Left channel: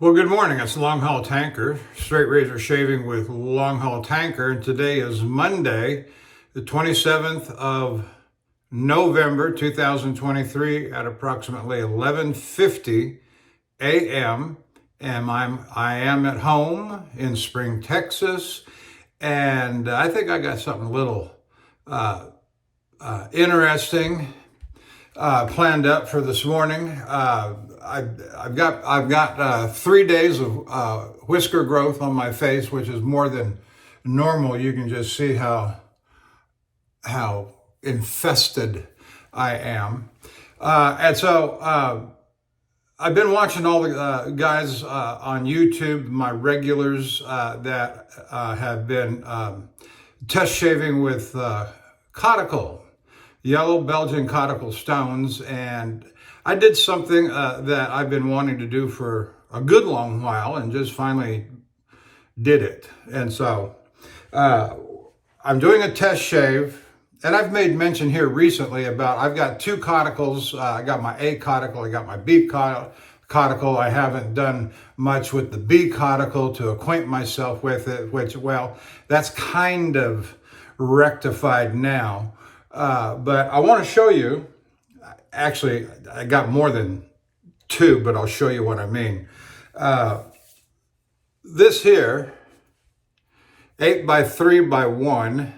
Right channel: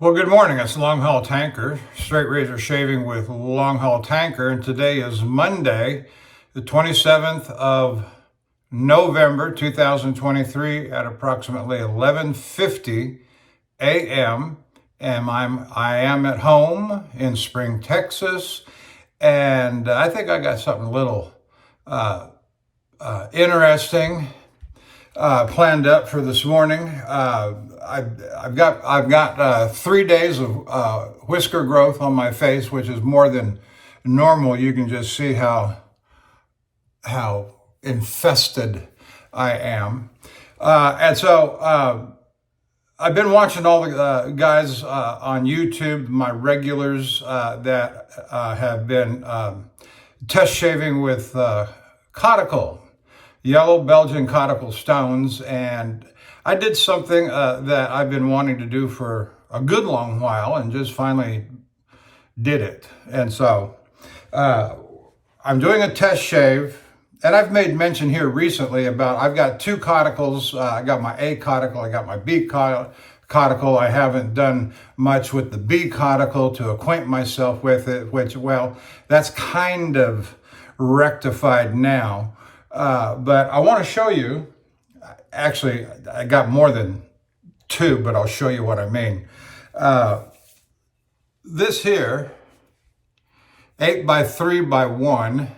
Well, good morning. It's Longhaultanker, straight razor shaving with Longhaultanker, and today is Monday, the 27th of November, 2023, at approximately 11:50 a.m. And I am at home in Spring, Texas, and I think I got something a little interesting planned up for this morning. I've got 3 days of whisker growth on my face, which is more than normal. You can just see how infested I am, and so I've been watching all the guys on YouTube, my regulars that have been test shaving with conical. Yellow Belgian conical stones, and I did something that I've been wanting to do for a good long while and just finally did it. And so I'm doing a test shave, and I've made mention here recently about I've got two conicals. I got my A conical, I got my B conical. I haven't done much with the B conical to acquaint myself with it, which, well, that's kind of rectified now. But I want to show you, actually, I got more than two, but I'll show you what I mean. This here, 8x3x1,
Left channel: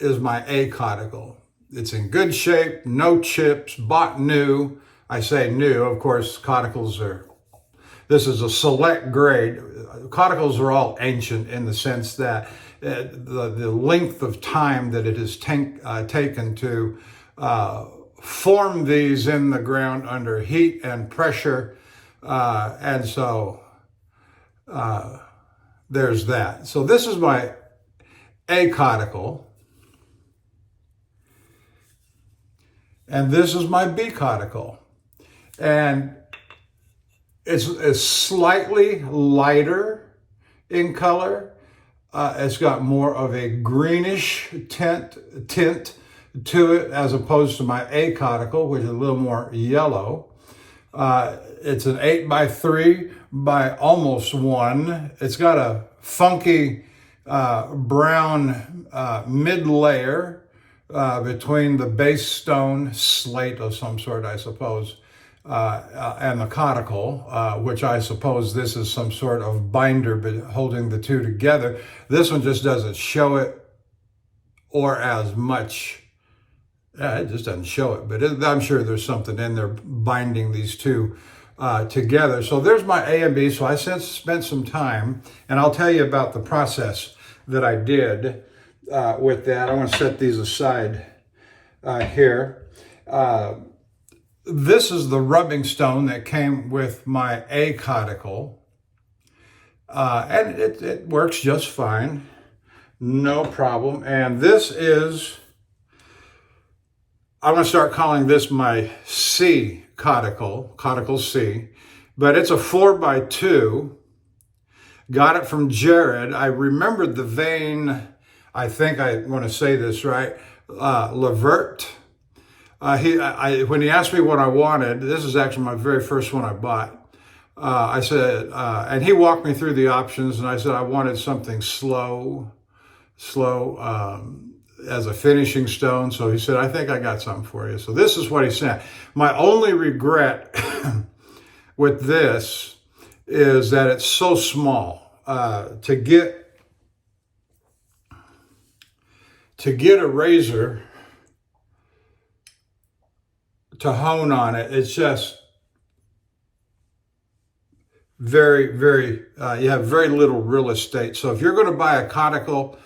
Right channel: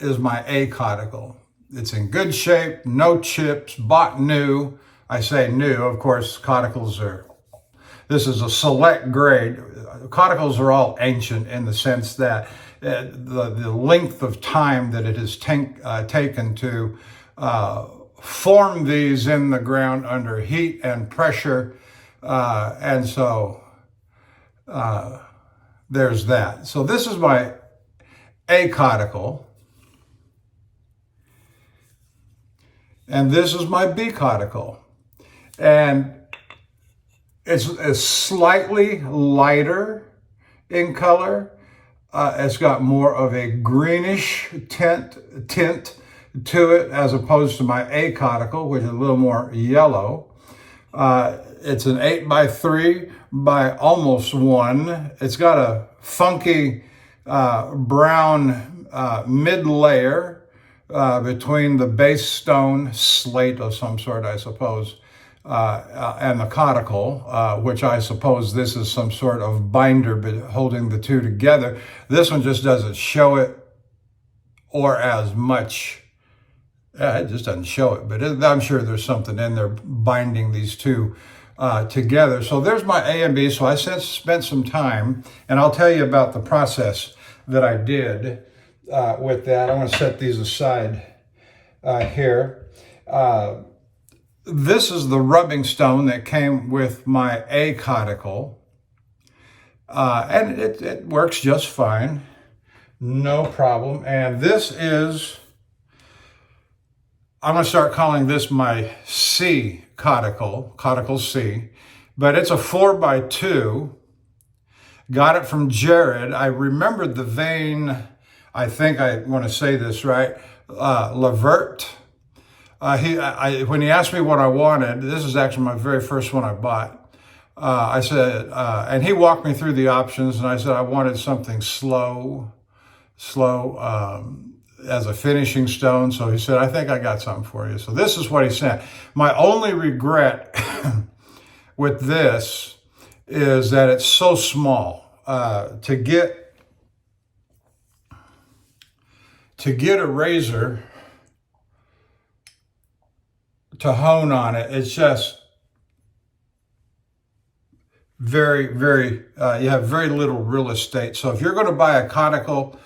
is my A conical. It's in good shape, no chips, bought new. I say new, of course, conicals this is a select grade. Conicals are all ancient in the sense that the length of time that it has taken to form these in the ground under heat and pressure. And so there's that. So this is my A conical. And this is my B conical. And it's slightly lighter in color. It's got more of a greenish tint to it as opposed to my A conical, which is a little more yellow. It's an 8x3 by almost 1. It's got a funky brown mid layer between the base stone, slate of some sort, I suppose, and the conical, which I suppose this is some sort of binder holding the two together. This one just doesn't show it or as much. It just doesn't show it, but I'm sure there's something in there binding these two together. So there's my A and B. So I since spent some time, and I'll tell you about the process that I did with that. I'm going to set these aside here. This is the rubbing stone that came with my A conical, and it works just fine, no problem. And this is, I'm going to start calling this my C conical C, but it's a 4x2. Got it from Jared. I remembered the vein, I think I want to say this right, Levert. When he asked me what I wanted, this is actually my very first one I bought. I said, and he walked me through the options, and I said I wanted something slow as a finishing stone. So he said, I think I got something for you. So this is what he sent. My only regret with this is that it's so small. To get a razor to hone on it, it's just very, very, you have very little real estate. So if you're going to buy a conical,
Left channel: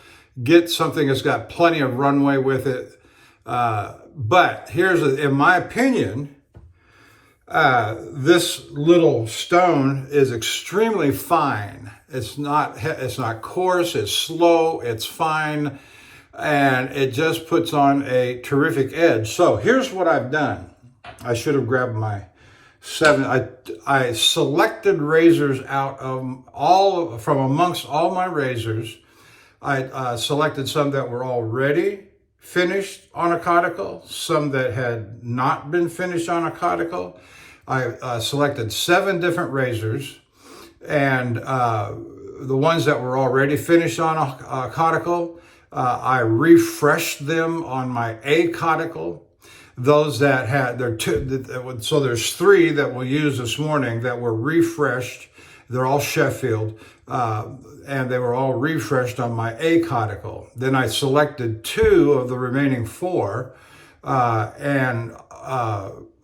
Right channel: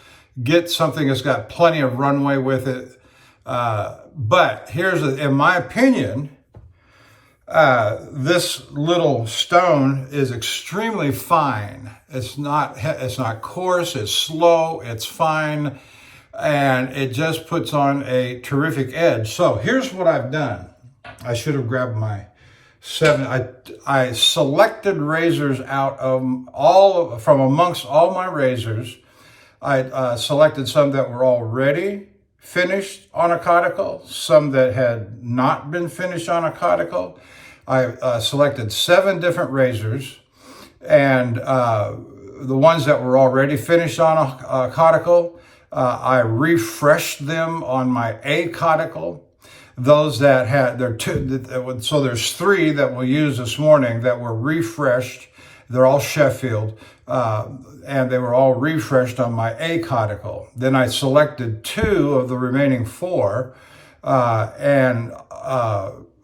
get something that's got plenty of runway with it. But in my opinion, this little stone is extremely fine. It's not coarse, it's slow, it's fine, and it just puts on a terrific edge. So here's what I've done. I should have grabbed my 7. I selected razors out of from amongst all my razors. I selected some that were already finished on a conical, some that had not been finished on a conical. I selected 7 different razors, and the ones that were already finished on a caudicle, I refreshed them on my A caudicle. Those that had, so there's 3 that we'll use this morning that were refreshed. They're all Sheffield, and they were all refreshed on my A caudicle. Then I selected 2 of the remaining 4 and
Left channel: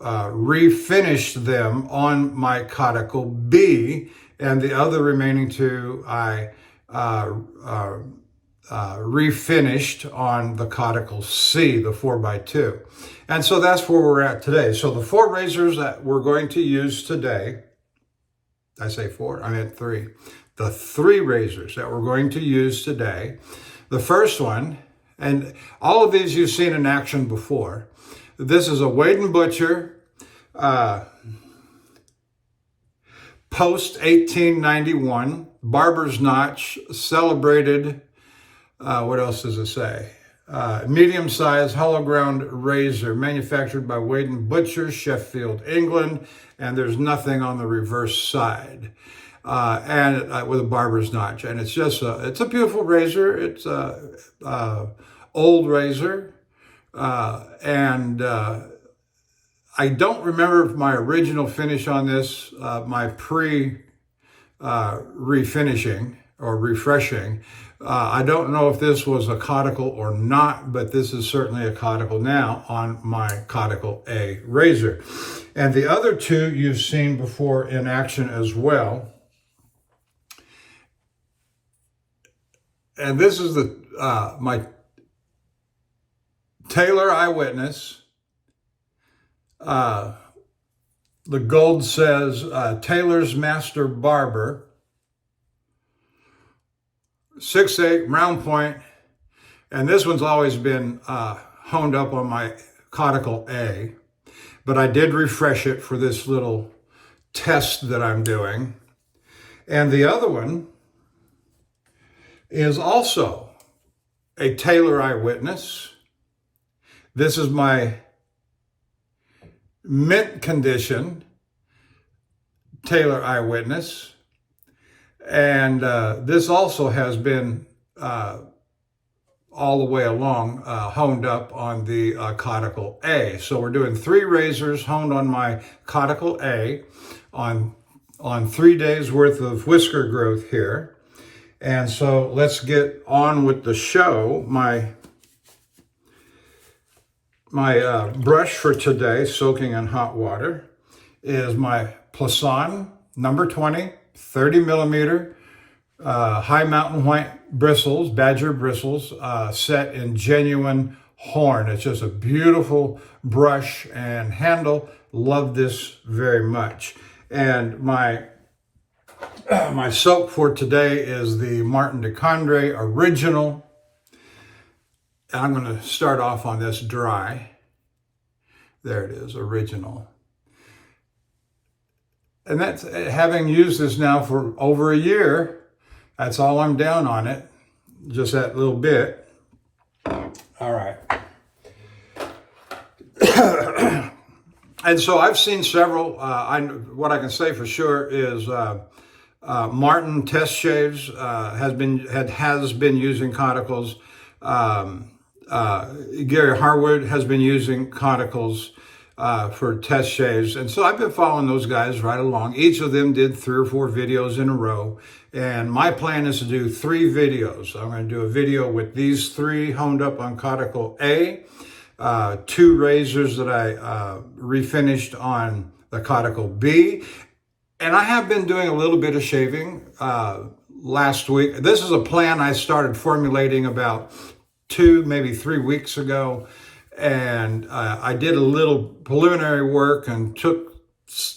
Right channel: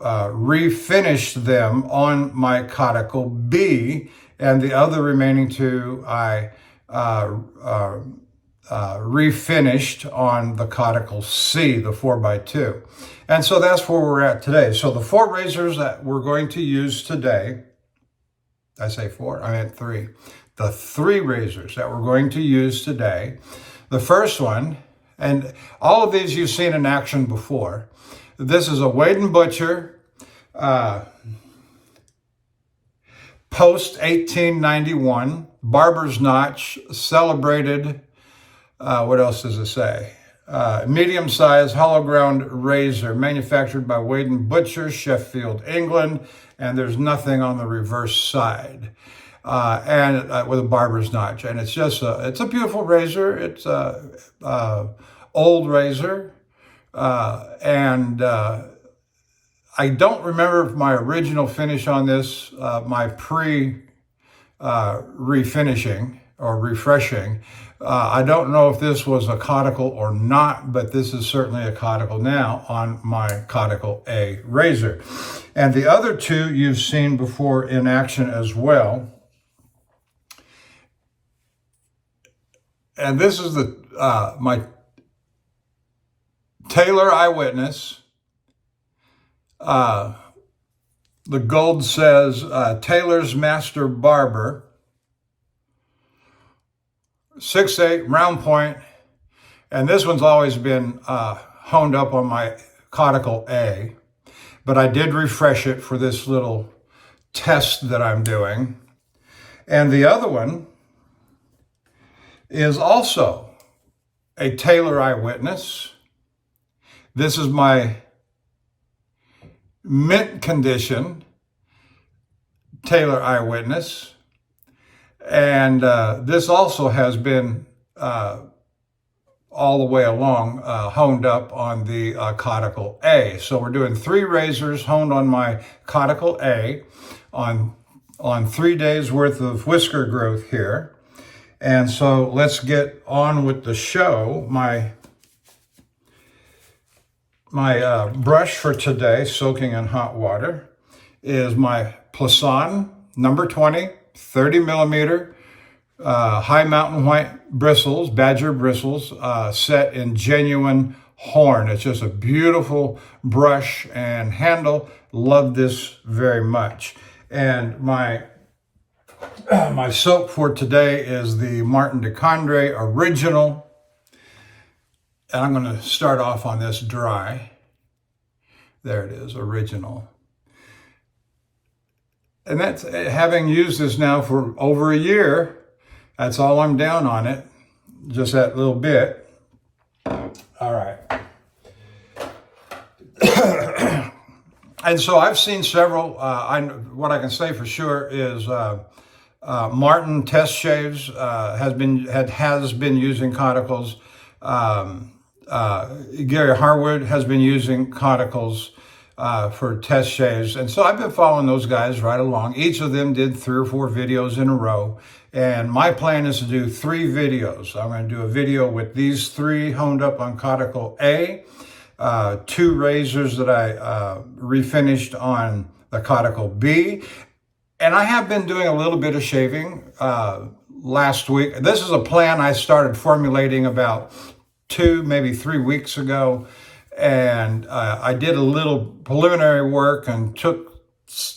refinished them on my caudicle B, and the other remaining 2 I refinished on the caudicle C, the 4x2. And so that's where we're at today. So the 4 razors that we're going to use today, I say 4, I meant 3. The 3 razors that we're going to use today. The first one, and all of these you've seen in action before. This is a Wade & Butcher post 1891 barber's notch, celebrated, what else does it say? Medium-sized hollow ground razor manufactured by Wade & Butcher, Sheffield, England, and there's nothing on the reverse side, and with a barber's notch. And it's just it's a beautiful razor. It's a old razor, and I don't remember my original finish on this, my refinishing or refreshing. I don't know if this was a caudicle or not, but this is certainly a caudicle now on my caudicle A razor. And the other 2 you've seen before in action as well. And this is the my Taylor Eyewitness. The gold says Taylor's Master Barber. 6/8 round point, and this one's always been honed up on my caudicle A, but I did refresh it for this little test that I'm doing. And the other one is also a Taylor Eyewitness. This is my mint condition Taylor Eyewitness. And this also has been all the way along honed up on the caudicle A. So we're doing 3 razors honed on my caudicle A on 3 days worth of whisker growth here. And so let's get on with the show. My brush for today, soaking in hot water, is my Plasan number 20. 30 millimeter high mountain white bristles, badger bristles, set in genuine horn. It's just a beautiful brush and handle. Love this very much. And my soap for today is the Martin de Condré Original. And I'm going to start off on this dry. There it is, Original. And that's, having used this now for over a year, that's all I'm down on it, just that little bit. All right. And so I've seen several, what I can say for sure is Martin Test Shaves has been using cauticles. Gary Harwood has been using cauticles for test shaves. And so I've been following those guys right along. Each of them did 3 or 4 videos in a row. And my plan is to do 3 videos. I'm going to do a video with these 3 honed up on caudicle A, 2 razors that I refinished on the caudicle B. And I have been doing a little bit of shaving last week. This is a plan I started formulating about 2, maybe 3 weeks ago. And I did a little preliminary work and took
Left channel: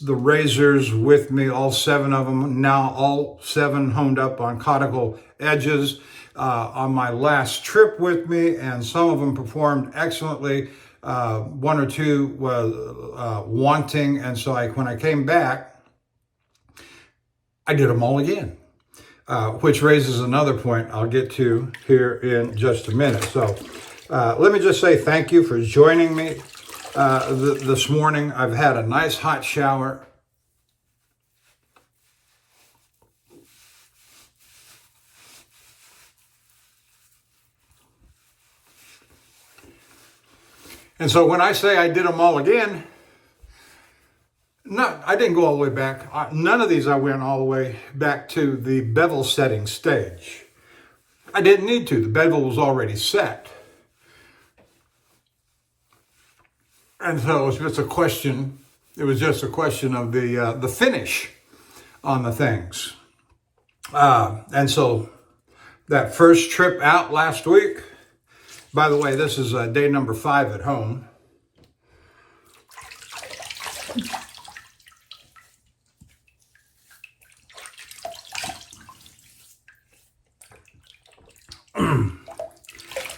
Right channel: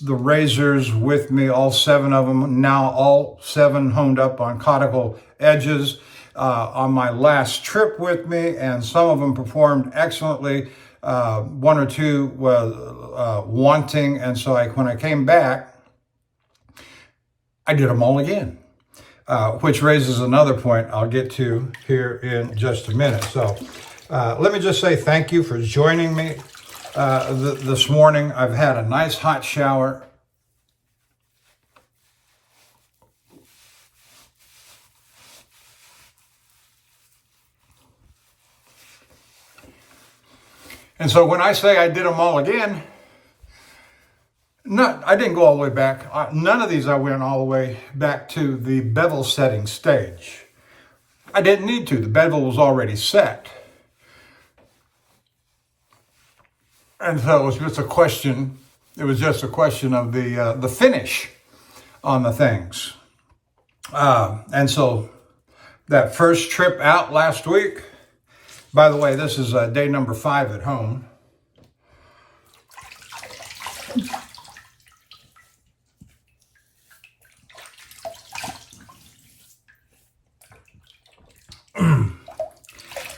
the razors with me, all 7 of them, now all 7 honed up on caudicle edges on my last trip with me, and some of them performed excellently. 1 or 2 was wanting, and so when I came back, I did them all again, which raises another point I'll get to here in just a minute. So let me just say thank you for joining me This morning I've had a nice hot shower. And so when I say I did them all again, I didn't go all the way back. None of these I went all the way back to the bevel setting stage. I didn't need to. The bevel was already set. And so it was just a question. It was just a question of the finish on the things. And so that first trip out last week, by the way, this is day number 5 at home.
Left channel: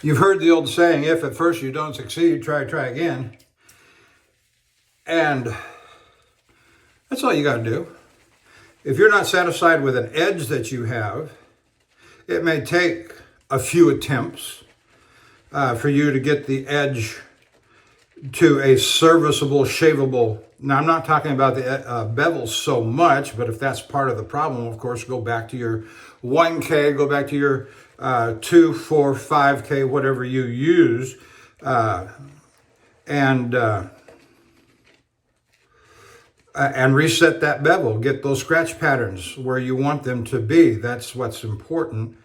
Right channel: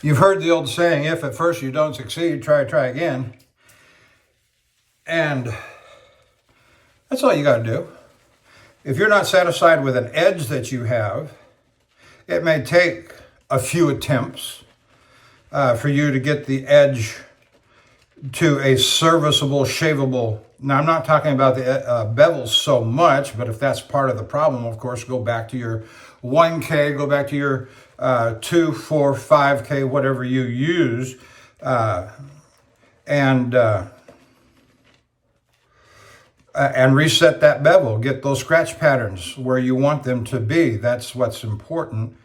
You've heard the old saying, if at first you don't succeed, try again. And that's all you got to do. If you're not satisfied with an edge that you have, it may take a few attempts for you to get the edge to a serviceable, shaveable. Now, I'm not talking about the bevels so much, but if that's part of the problem, of course, go back to your 1K, go back to your 2, 4, 5K, whatever you use, and reset that bevel. Get those scratch patterns where you want them to be. That's what's important.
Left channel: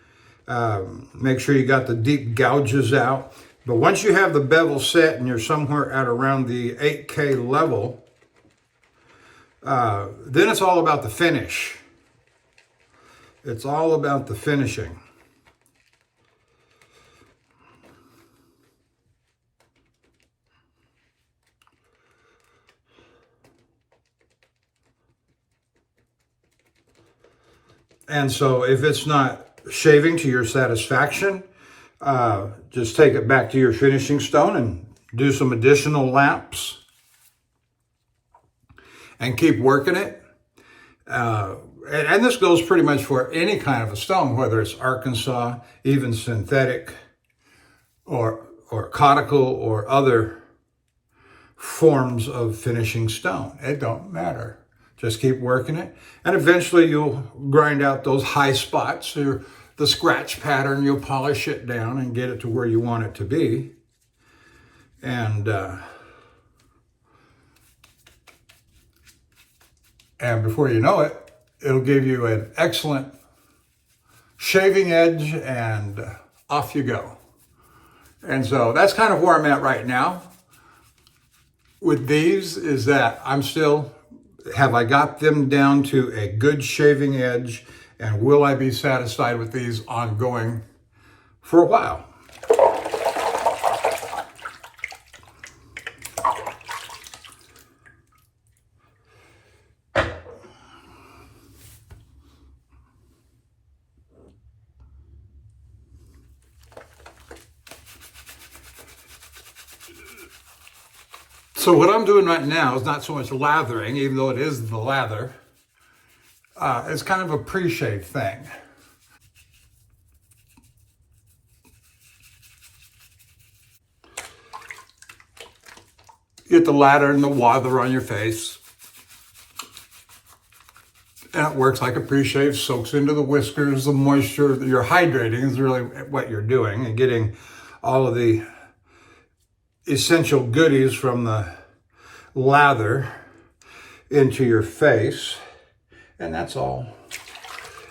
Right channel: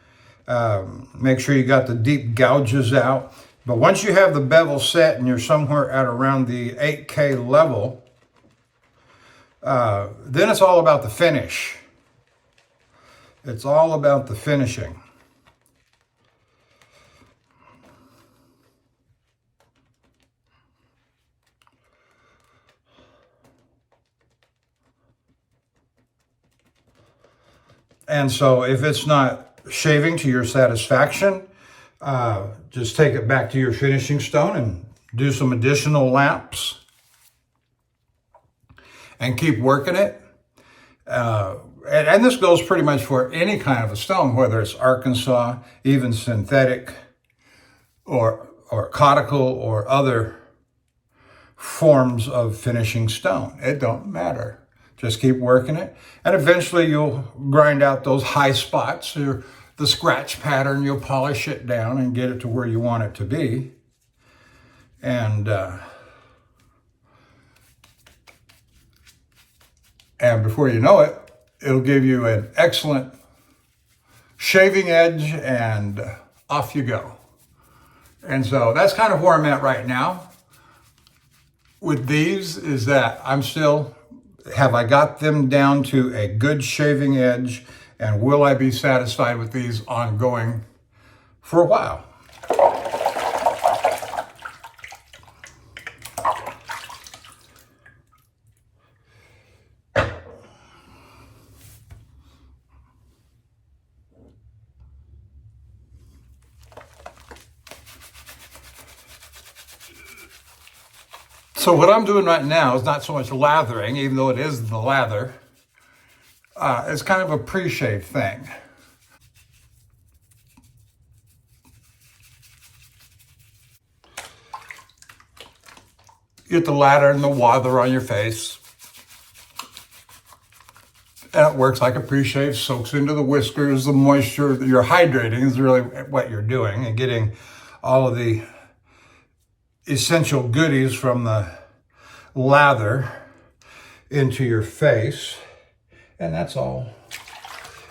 Make sure you got the deep gouges out. But once you have the bevel set and you're somewhere at around the 8K level, then it's all about the finish. It's all about the finishing. And so if it's not shaving to your satisfaction, just take it back to your finishing stone and do some additional laps and keep working it. And this goes pretty much for any kind of a stone, whether it's Arkansas, even synthetic or conical or other forms of finishing stone. It don't matter. Just keep working it. And eventually you'll grind out those high spots or the scratch pattern. You'll polish it down and get it to where you want it to be. And before you know it, it'll give you an excellent shaving edge and off you go. And so that's kind of where I'm at right now with these, is that have I got them down to a good shaving edge, and will I be satisfied with these ongoing for a while? So what I'm doing right now is not so much lathering, even though it is the lather. It's kind of a pre-shave thing. You get the lather and the wather on your face. And it works like a pre-shave, soaks into the whiskers, the moisture. You're hydrating is really what you're doing, and getting all of the essential goodies from the lather into your face. And that's all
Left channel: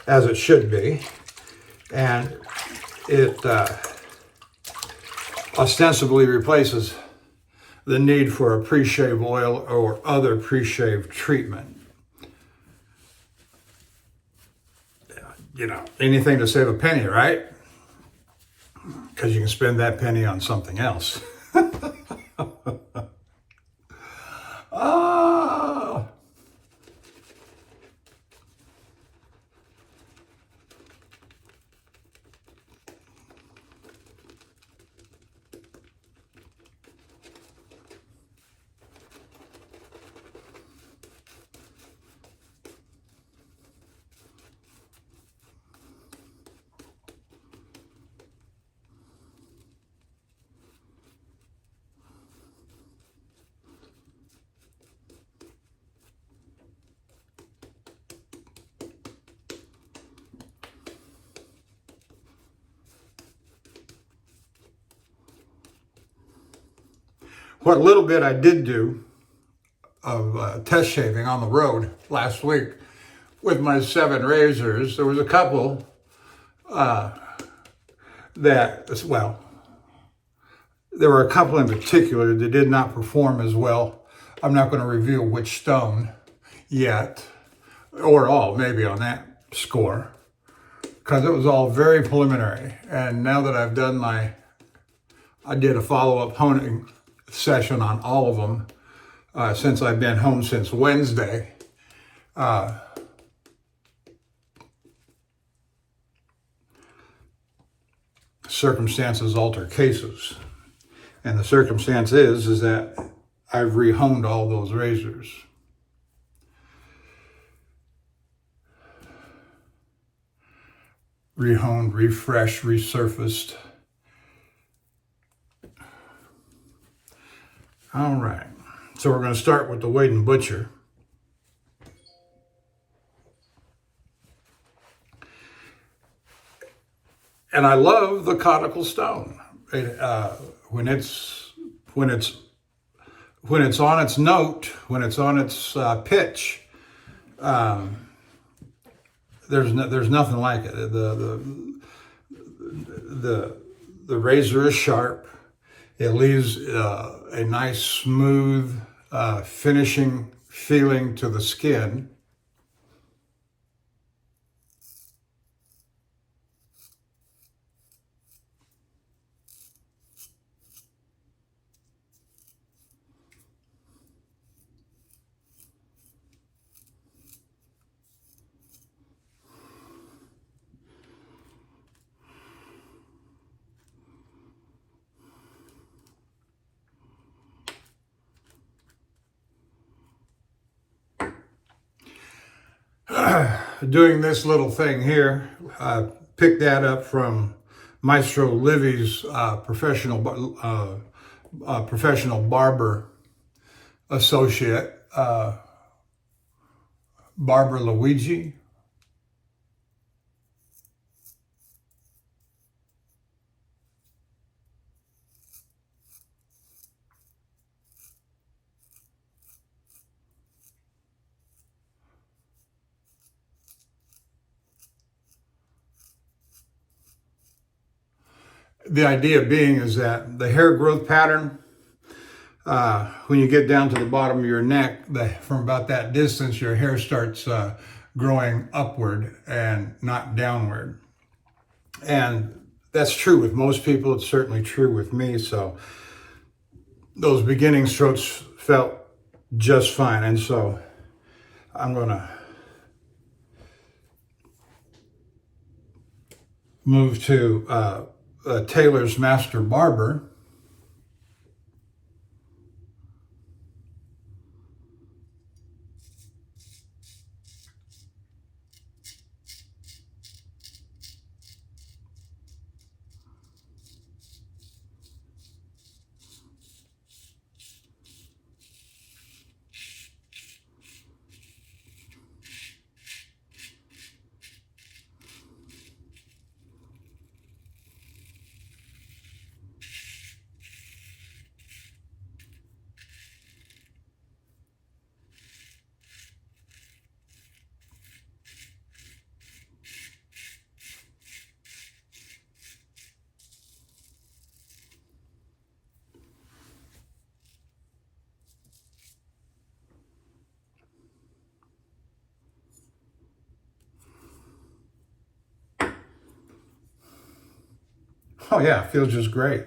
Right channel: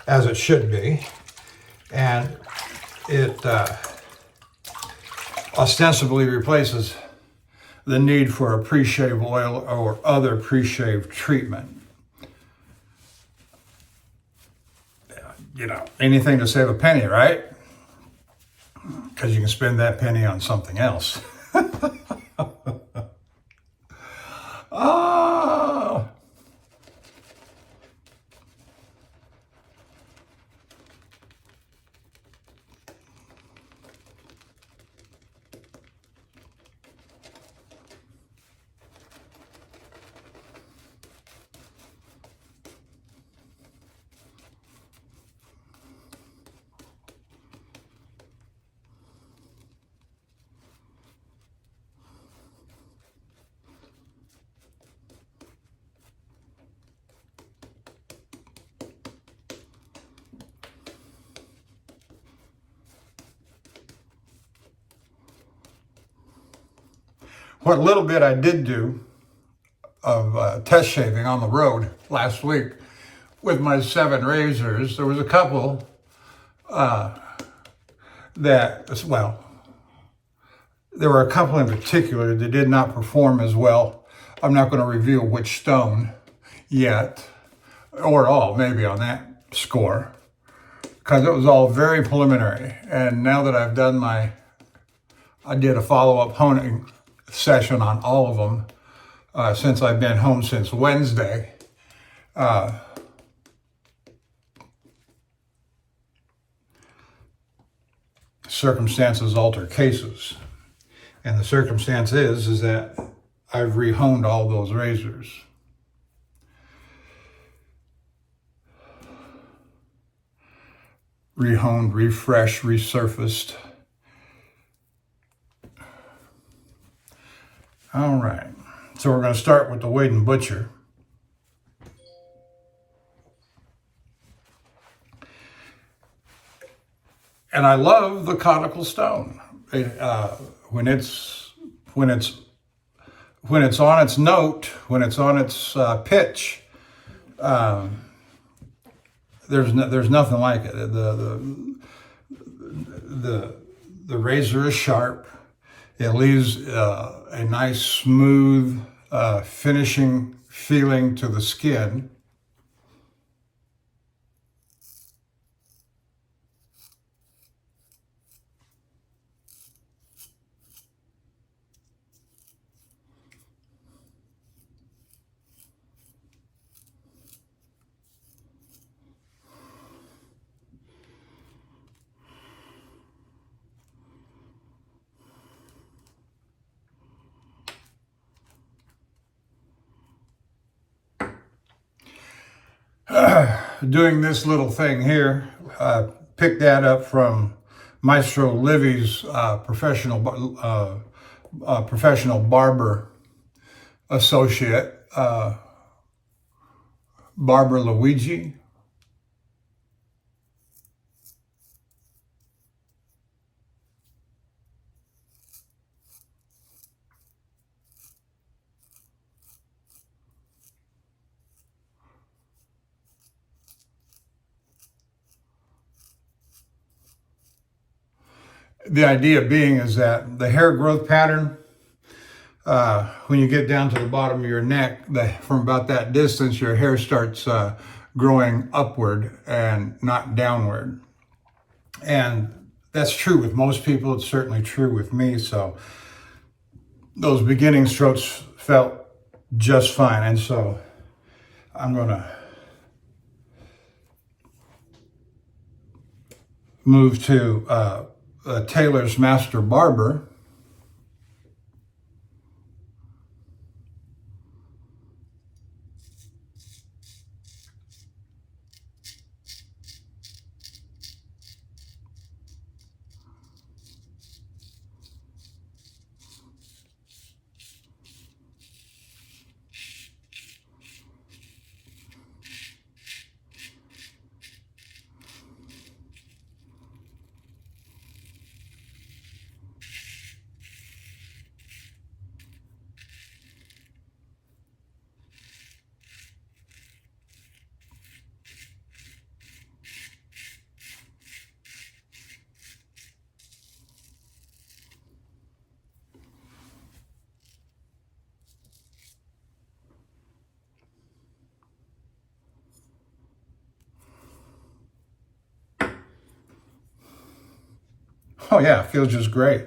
as it should be. And it ostensibly replaces the need for a pre-shave oil or other pre-shave treatment. You know, anything to save a penny, right? Because you can spend that penny on something else. Oh. What little bit I did do of test shaving on the road last week with my 7 razors, there was a couple well, there were a couple in particular that did not perform as well. I'm not going to reveal which stone yet, or all, maybe on that score, because it was all very preliminary. And now that I've done I did a follow-up honing session on all of them since I've been home since Wednesday. Circumstances alter cases. And the circumstance is that I've rehoned all those razors. Rehoned, refreshed, resurfaced. All right. So we're going to start with the Wade and Butcher. And I love the conical stone. When it's on its note, when it's on its pitch, there's nothing like it. The razor is sharp. It leaves a nice smooth finishing feeling to the skin. Doing this little thing here, picked that up from Maestro Livy's professional barber associate, Barber Luigi. The idea being is that the hair growth pattern, when you get down to the bottom of your neck, from about that distance, your hair starts growing upward and not downward. And that's true with most people. It's certainly true with me. So those beginning strokes felt just fine. And so I'm going to move to Taylor's Master Barber. Oh yeah, it feels just great.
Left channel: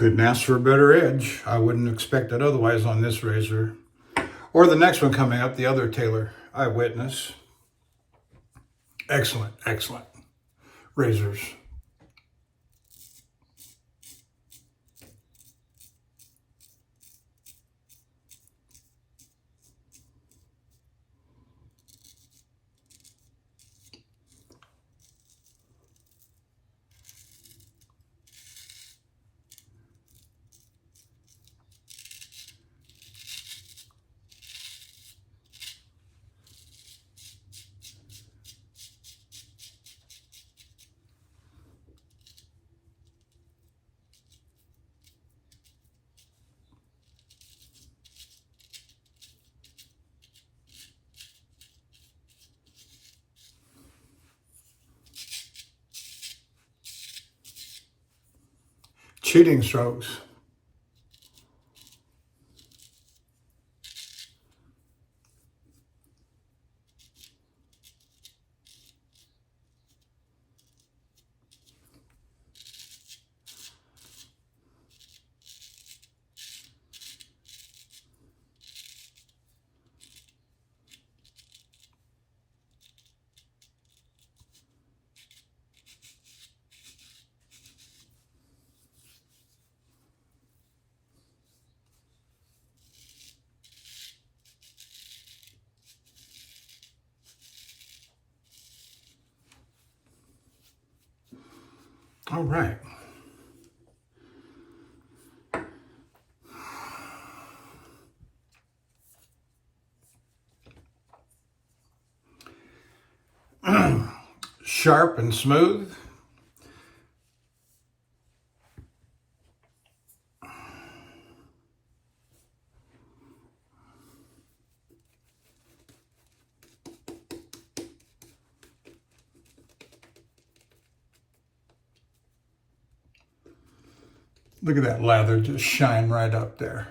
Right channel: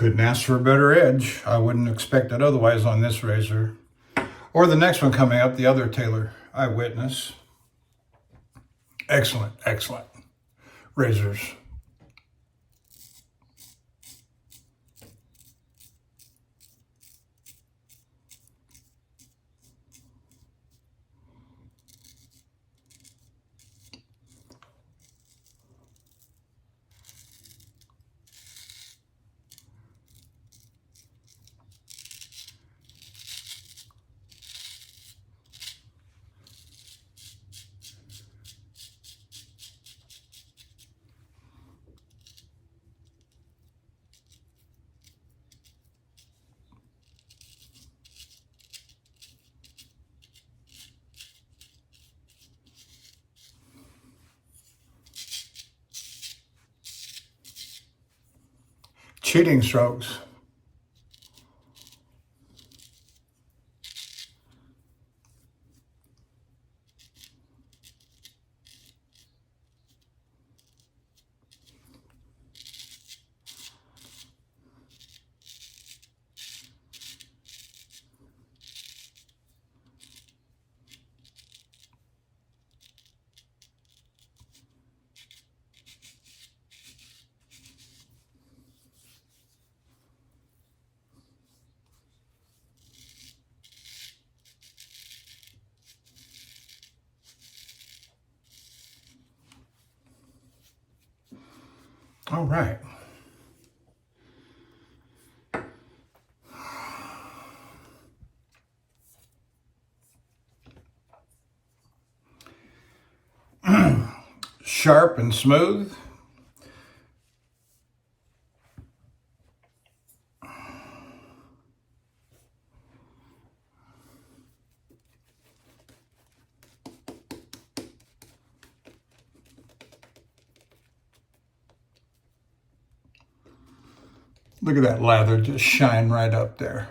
Couldn't ask for a better edge. I wouldn't expect it otherwise on this razor. Or the next one coming up, the other Taylor Eyewitness. Excellent, excellent razors. Cheating strokes. All right. Sharp and smooth. Look at that lather just shine right up there.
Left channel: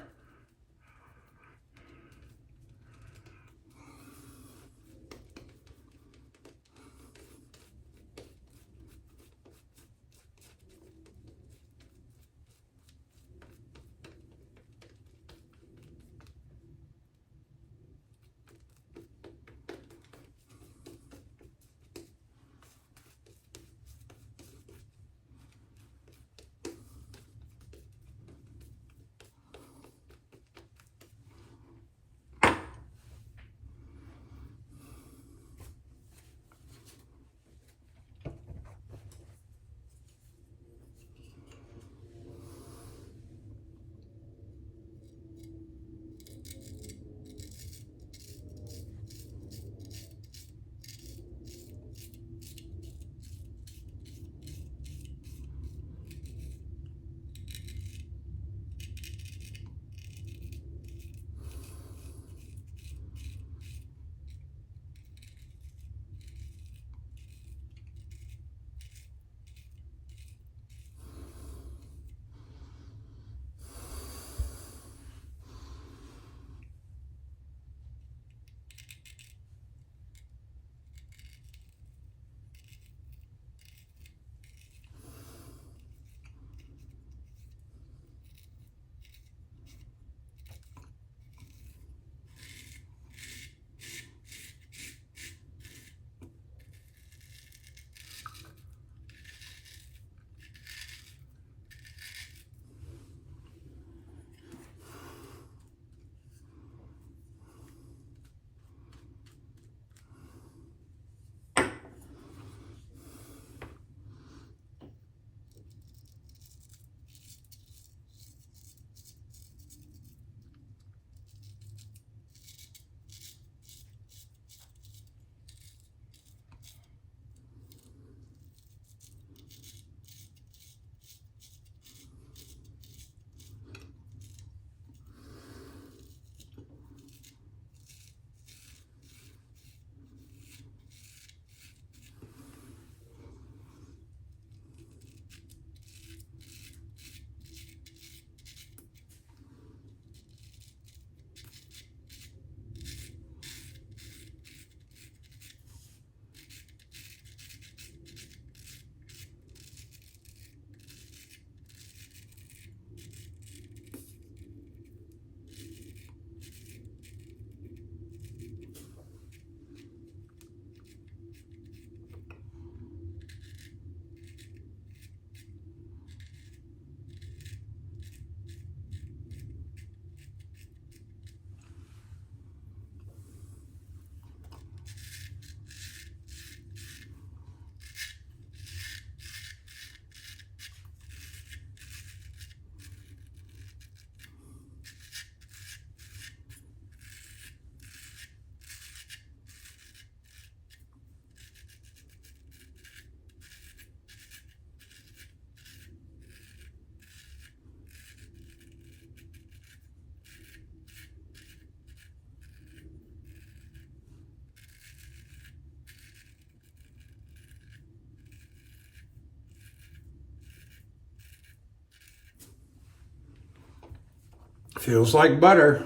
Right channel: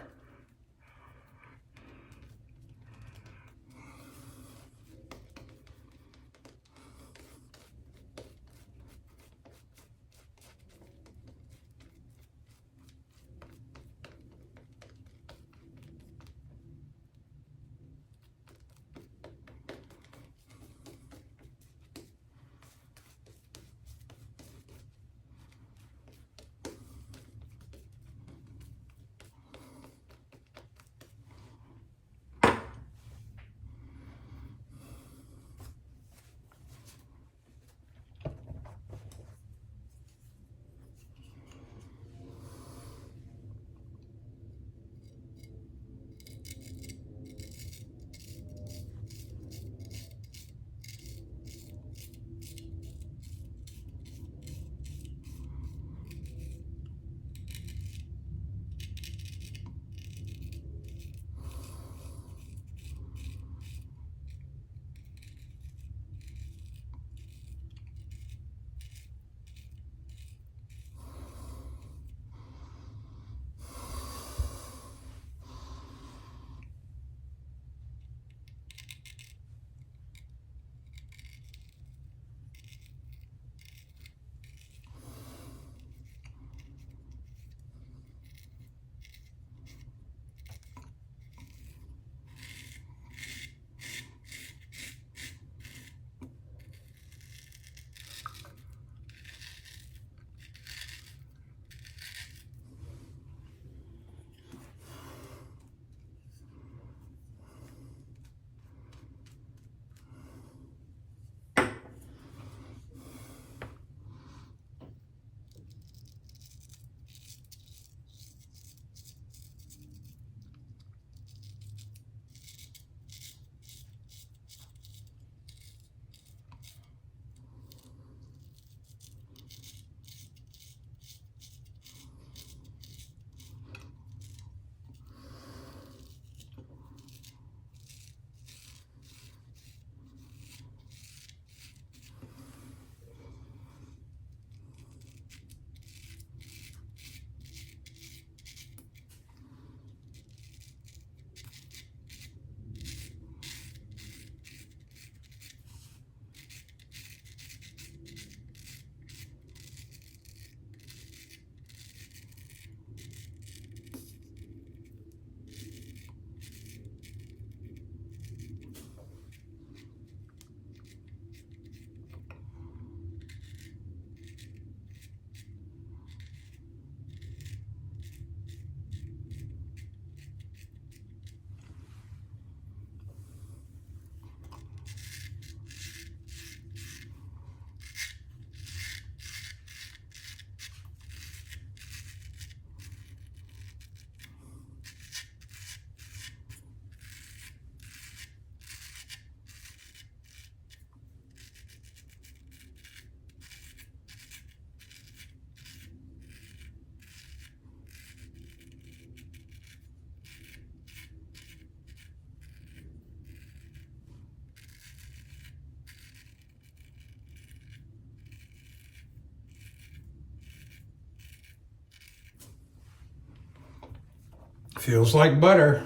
feels like butter.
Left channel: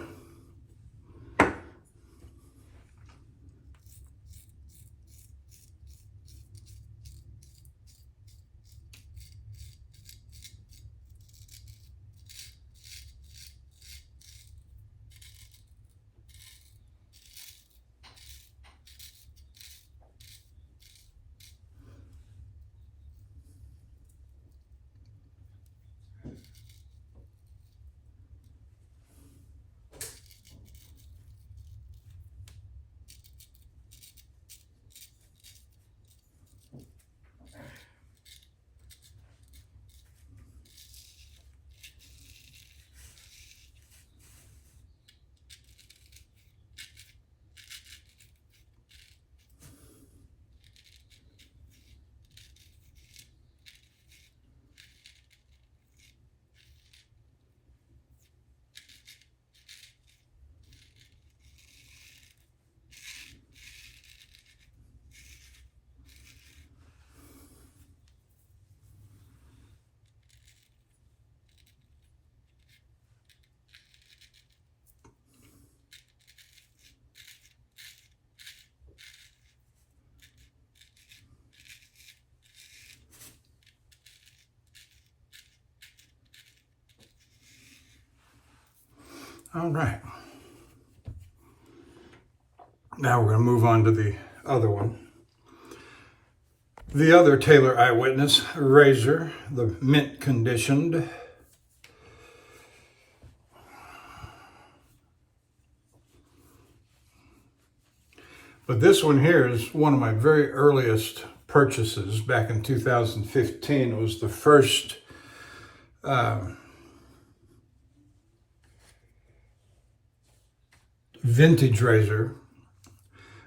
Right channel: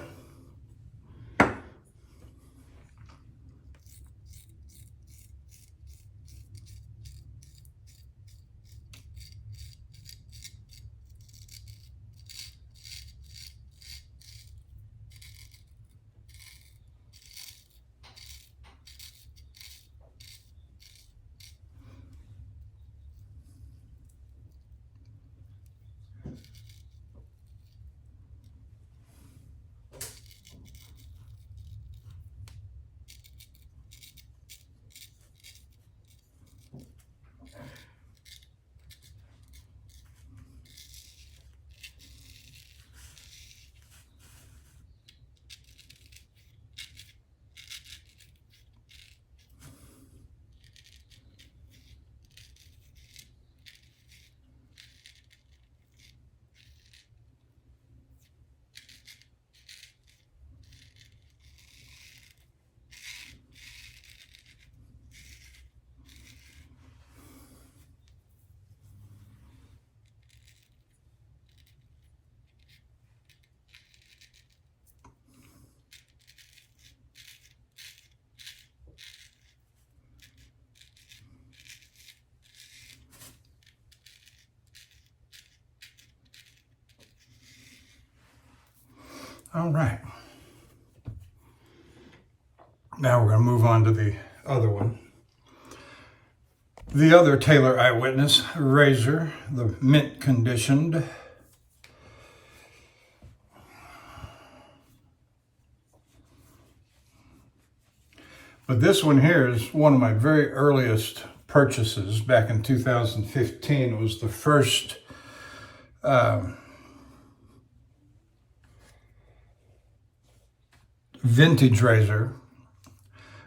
All right. Now we're going to move on to the other one. The other Taylor Eyewitness razor, the mint conditioned. But this one here is one of my very earliest purchases back in 2015. It was the first vintage razor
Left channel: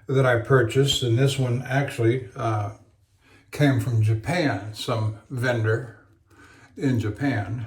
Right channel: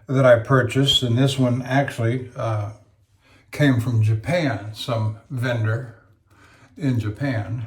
that I purchased, and this one actually came from Japan, some vendor in Japan.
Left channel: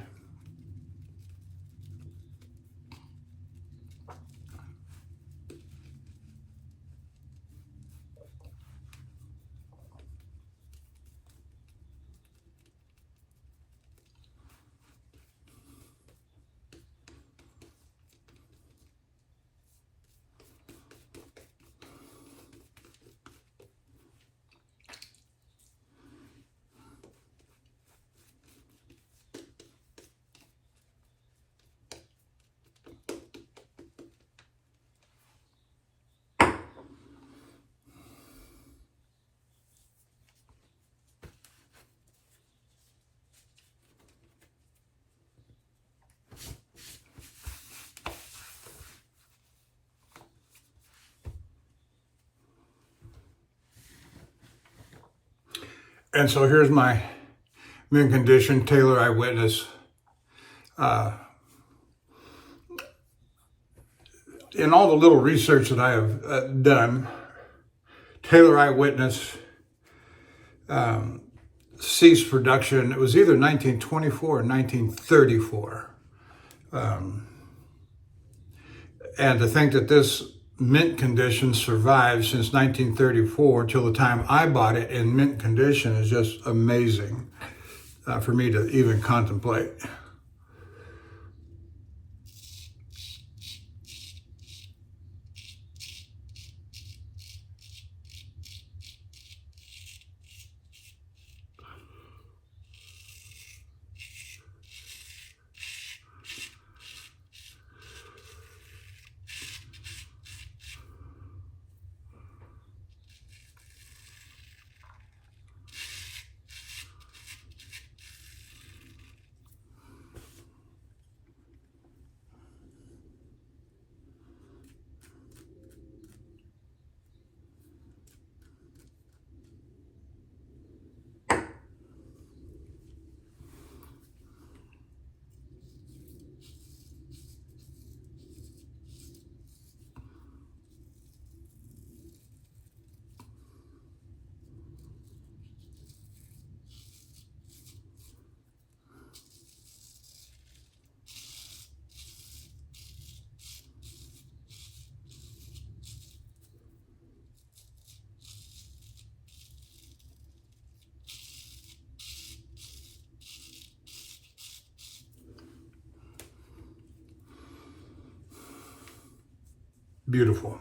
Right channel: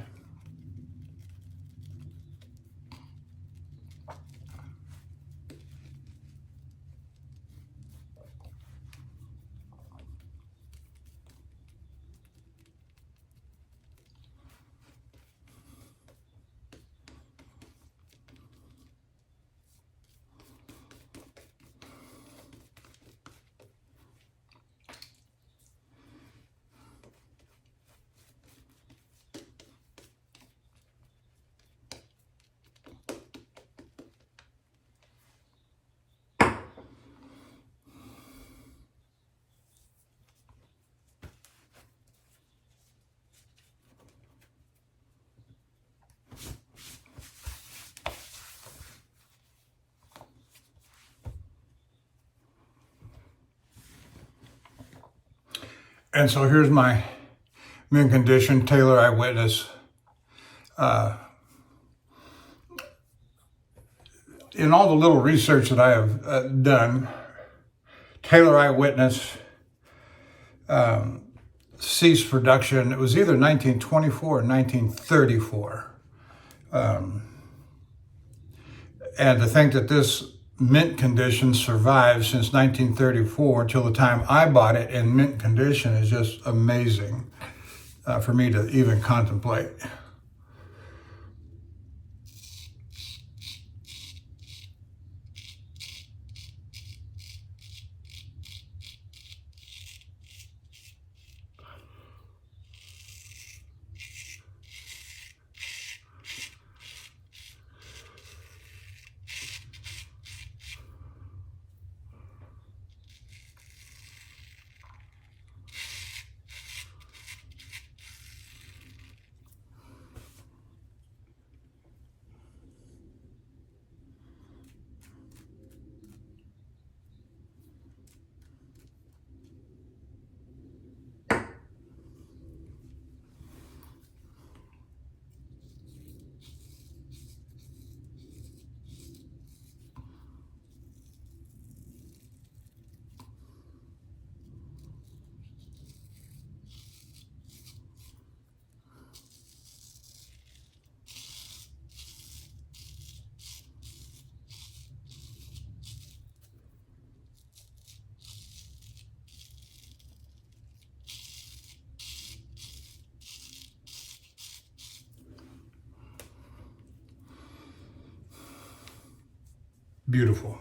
And so here's my mint condition Taylor Eyewitness. In all the little research that I have done, Taylor Eyewitness ceased production. It was either 1924 or 1934. And to think that this mint condition survived since 1934 till the time I bought it in mint condition is just amazing for me to even contemplate. Beautiful.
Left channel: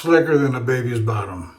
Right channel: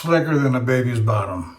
slicker than a baby's bottom.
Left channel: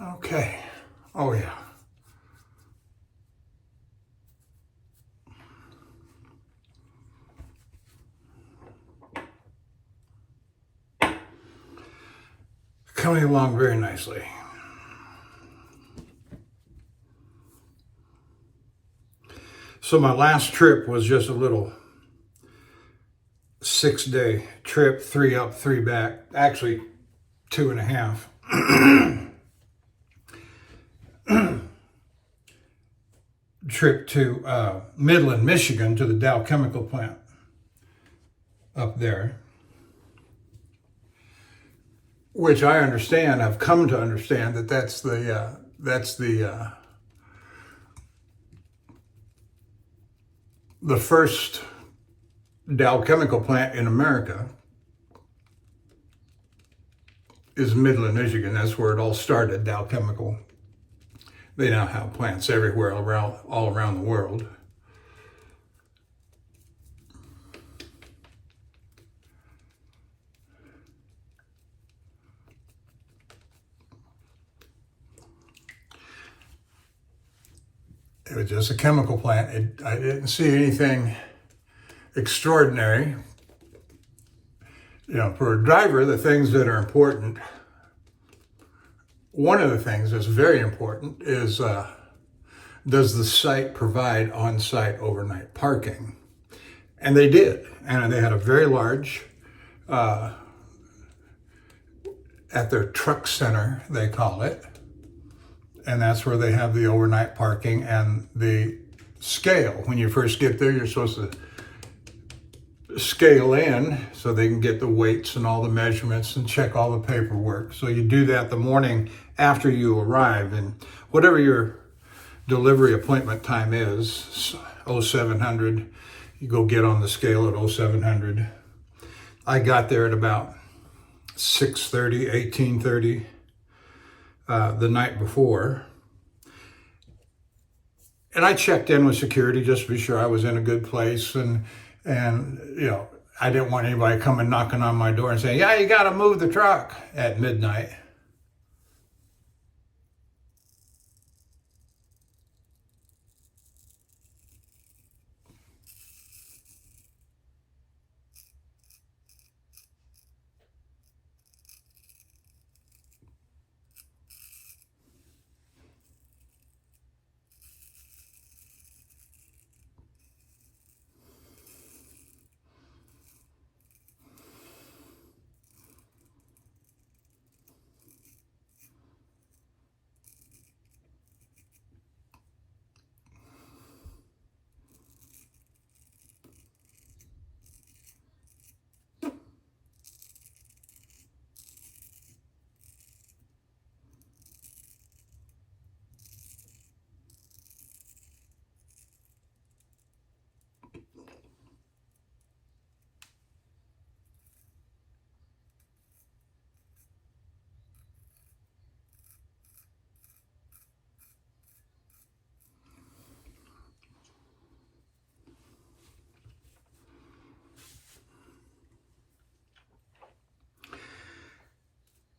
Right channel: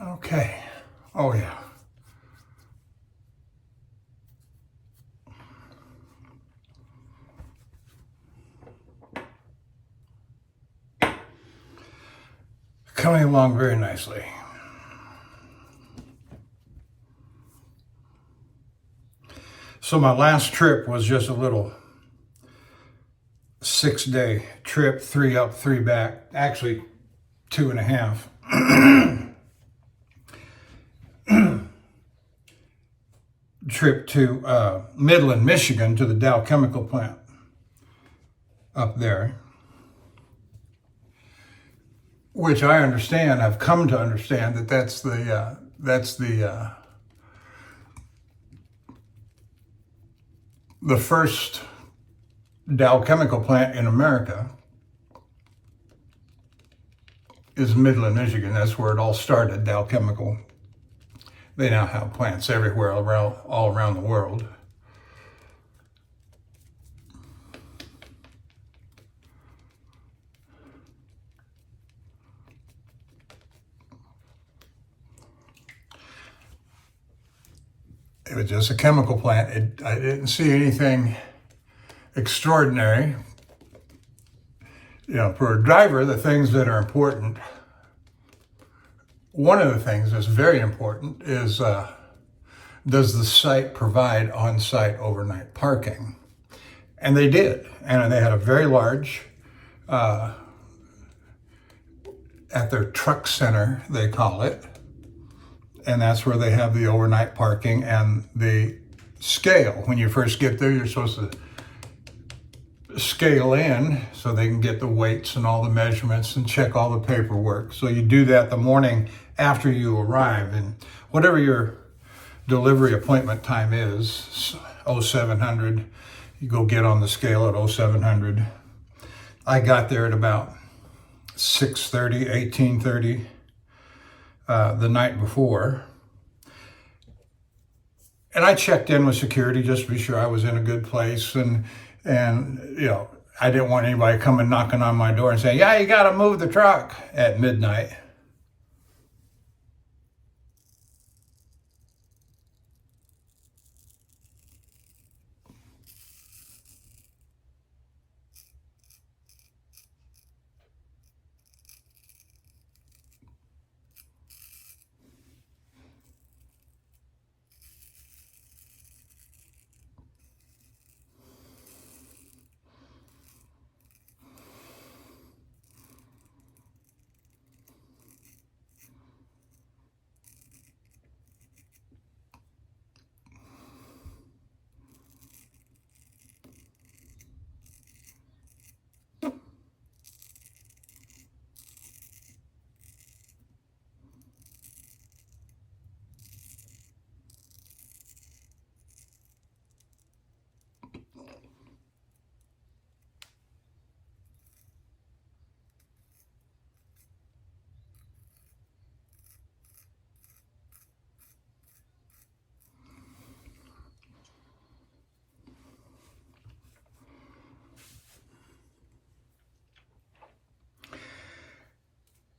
Okay. Oh, yeah. Coming along very nicely. So my last trip was just a little 6-day trip, 3 up, 3 back. Actually, 2.5. Trip to Midland, Michigan, to the Dow chemical plant up there, which I understand, I've come to understand that that's the first Dow chemical plant in America is Midland, Michigan. That's where it all started, Dow Chemical. They now have plants everywhere, all around the world. It was just a chemical plant. I didn't see anything extraordinary. You know, for a driver, the things that are important, one of the things that's very important is, does the site provide on-site overnight parking? And they did. And they had a very large, at their truck center, they call it. And that's where they have the overnight parking and the scale. When you first get there, you're supposed to scale in so they can get the weights and all the measurements and check all the paperwork. So you do that the morning after you arrive, and whatever your delivery appointment time is, 0700, you go get on the scale at 0700. I got there at about 6:30, 18:30 the night before. And I checked in with security just to be sure I was in a good place, and you know, I didn't want anybody coming knocking on my door and saying, "Yeah, you got to move the truck" at midnight.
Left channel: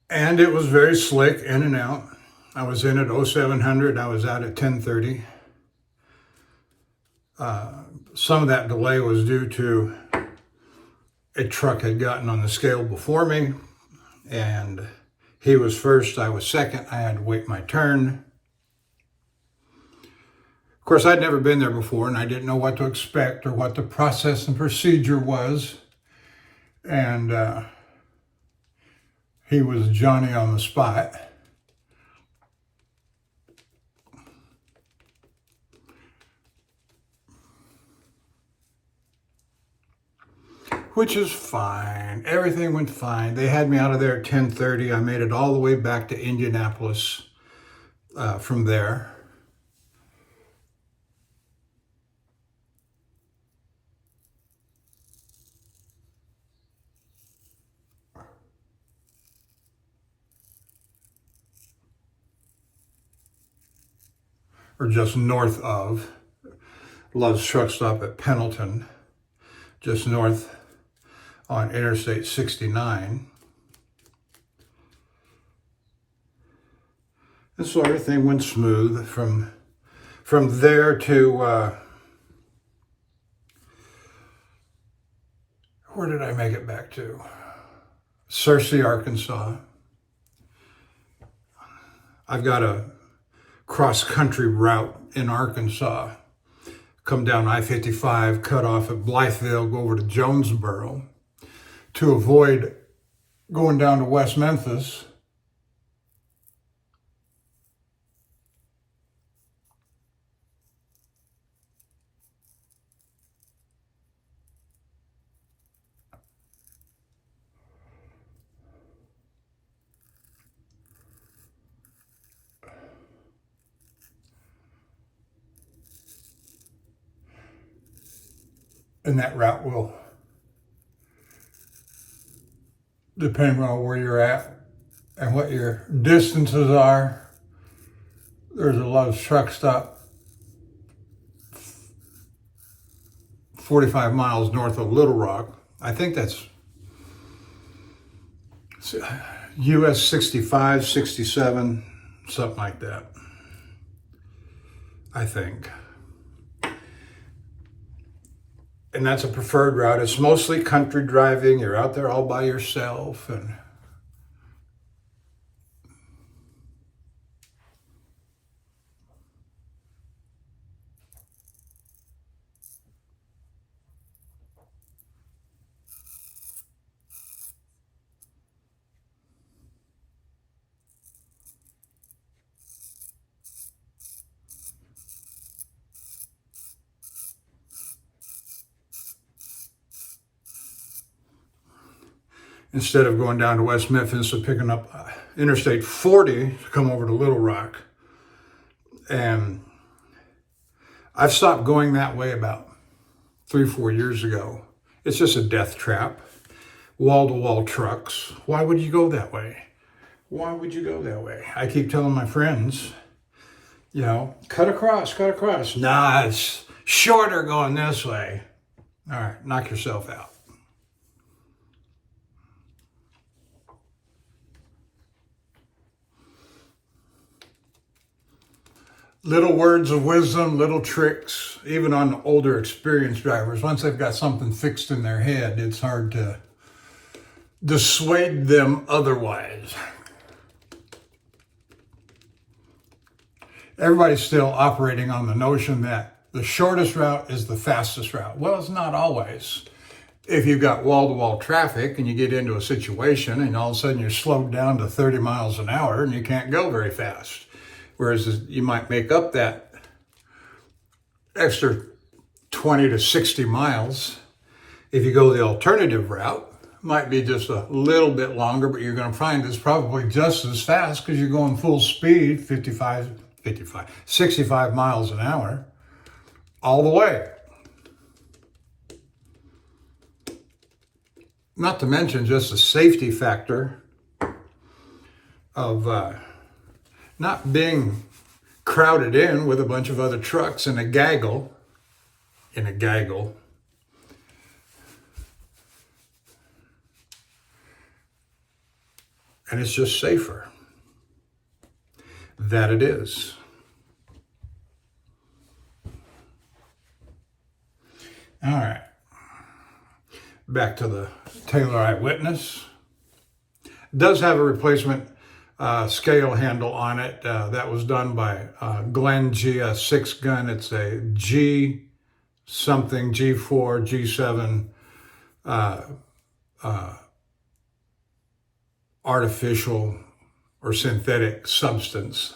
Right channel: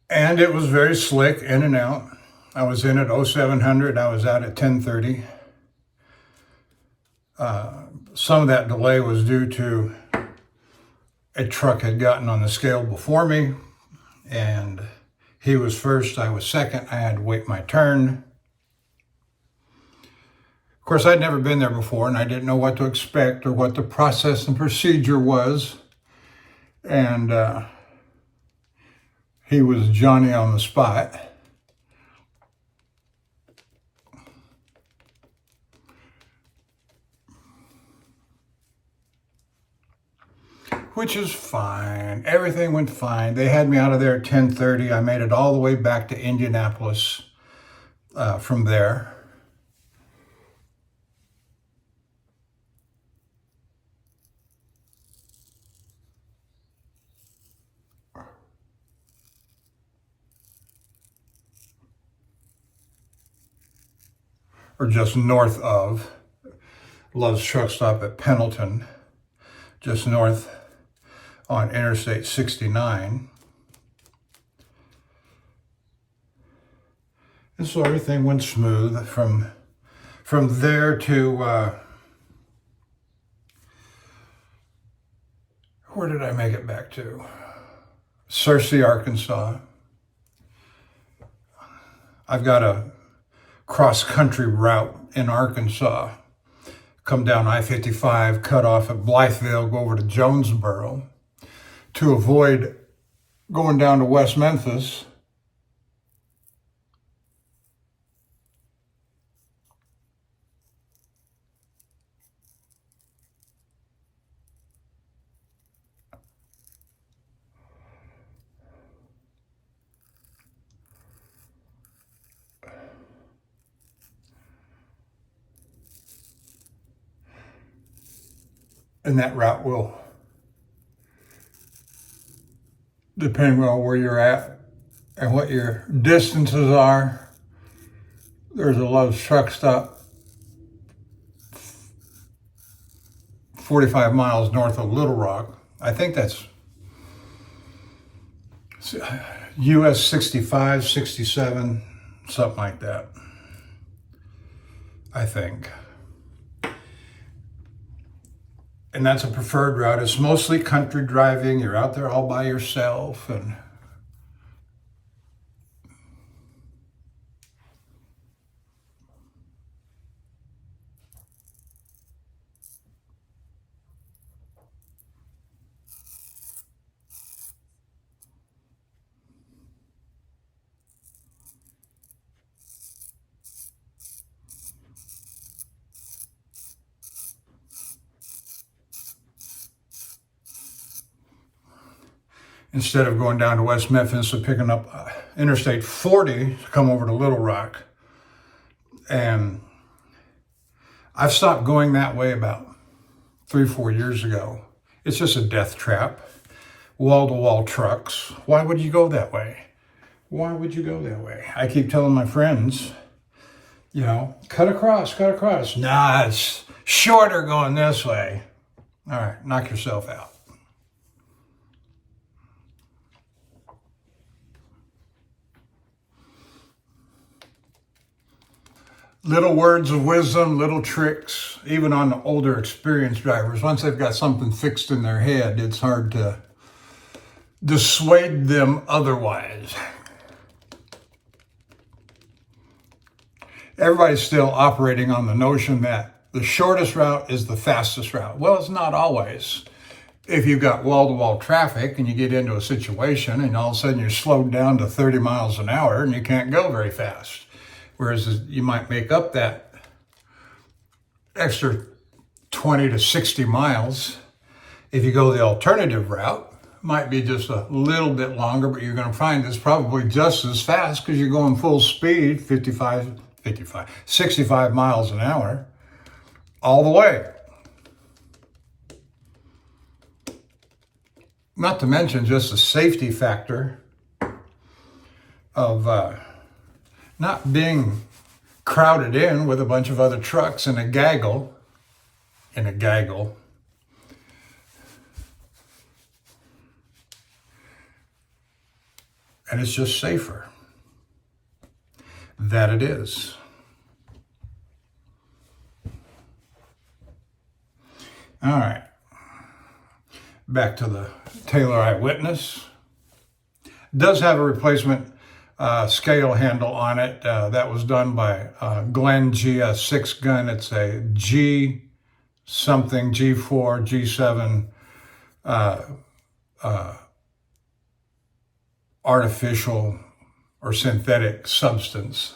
And it was very slick, in and out. I was in at 0700, I was out at 1030. Some of that delay was due to a truck had gotten on the scale before me, and he was first, I was second. I had to wait my turn. Of course, I'd never been there before, and I didn't know what to expect or what the process and procedure was. And he was Johnny on the spot. Which is fine. Everything went fine. They had me out of there at 10:30. I made it all the way back to Indianapolis from there. Or just north of Love's Truck Stop at Pendleton, just north on Interstate 69. And so everything went smooth from there to, where did I make it back to? Searcy, Arkansas. I've got a cross-country route in Arkansas. Come down I-55, cut off at Blytheville, go over to Jonesboro to avoid going down to West Memphis. And that route will, depending on where you're at and what your distances are, there's a Love's Truck Stop 45 miles north of Little Rock. I think that's US 65, 67, something like that, I think. And that's a preferred route. It's mostly country driving. You're out there all by yourself. And instead of going down to West Memphis and picking up Interstate 40 to come over to Little Rock. And I've stopped going that way about 3-4 years ago. It's just a death trap. Wall-to-wall trucks. Why would you go that way? Why would you go that way? I keep telling my friends, you know, cut across, cut across. Nah, it's shorter going this way. All right, knock yourself out. Little words of wisdom, little tricks, even on older experienced drivers. Once they've got something fixed in their head, it's hard to dissuade them otherwise. Everybody's still operating on the notion that the shortest route is the fastest route. Well, it's not always. If you've got wall-to-wall traffic and you get into a situation and all of a sudden you're slowed down to 30 miles an hour and you can't go very fast. Whereas you might make up that extra 20 to 60 miles if you go the alternative route. Might be just a little bit longer, but you're going to find it's probably just as fast because you're going full speed, 65 miles an hour, all the way. Not to mention just the safety factor of not being crowded in with a bunch of other trucks in a gaggle. And it's just safer. That it is. All right. Back to the Taylor Eyewitness. It does have a replacement scale handle on it. That was done by Glenn G, a 6-gun. It's a G something, G4, G7 artificial or synthetic substance.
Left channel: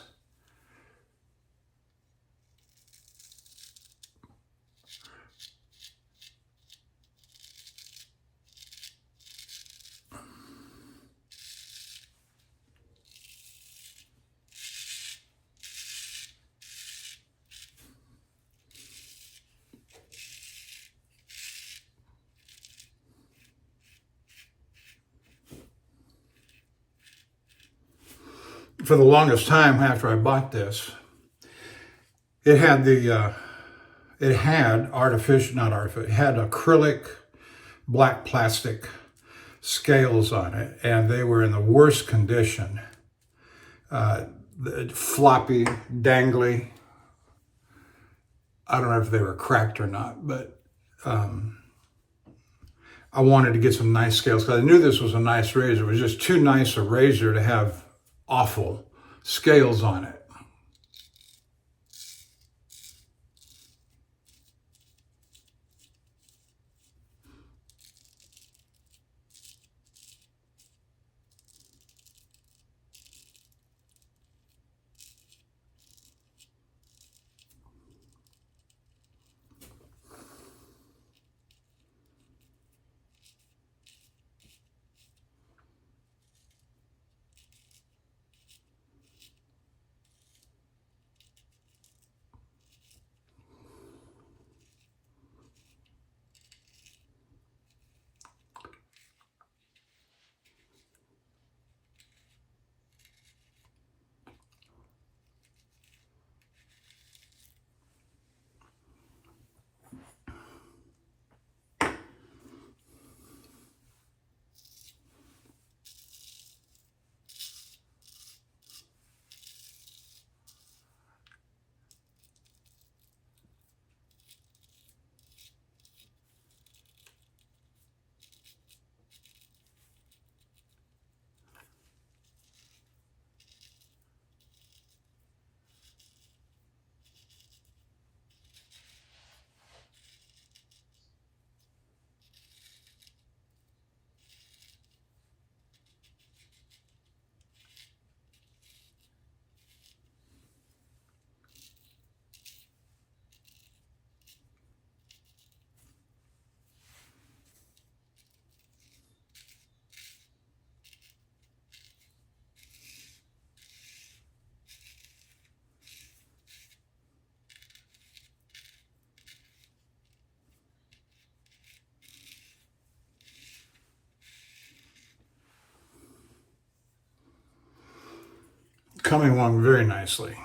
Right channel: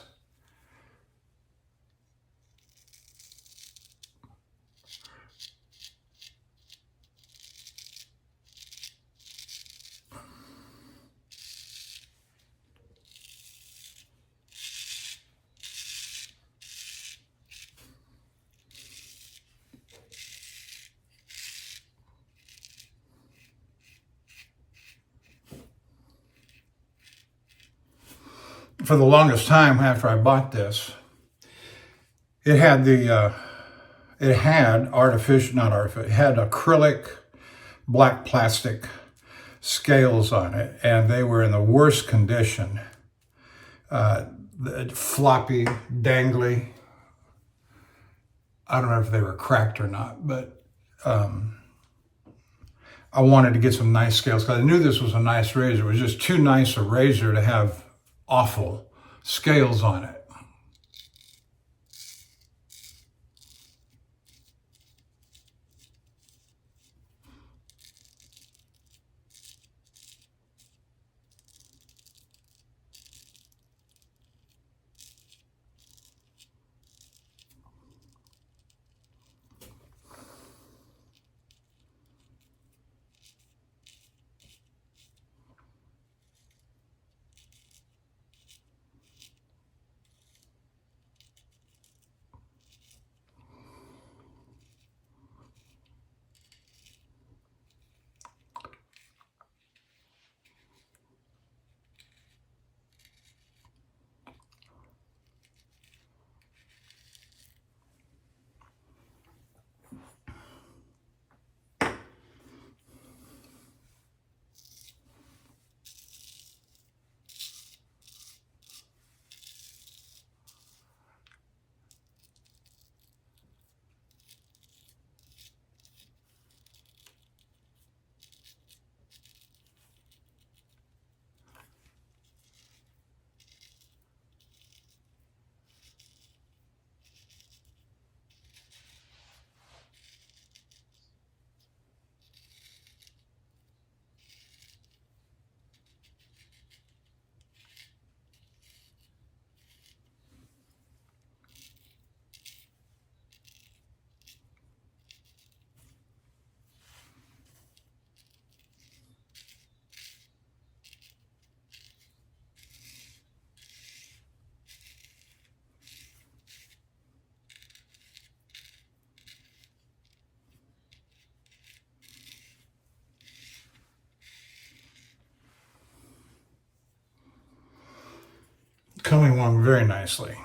For the longest time after I bought this, it had it had acrylic black plastic scales on it, and they were in the worst condition. Floppy, dangly. I don't know if they were cracked or not, but I wanted to get some nice scales because I knew this was a nice razor. It was just too nice a razor to have awful scales on it. Coming along very nicely.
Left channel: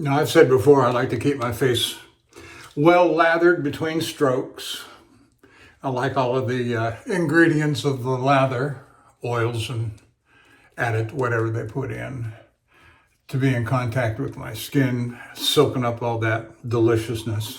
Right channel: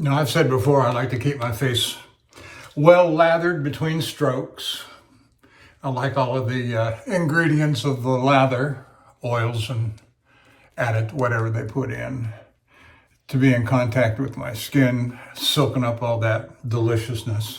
Now, I've said before, I like to keep my face well lathered between strokes. I like all of the ingredients of the lather, oils and added whatever they put in, to be in contact with my skin, soaking up all that deliciousness.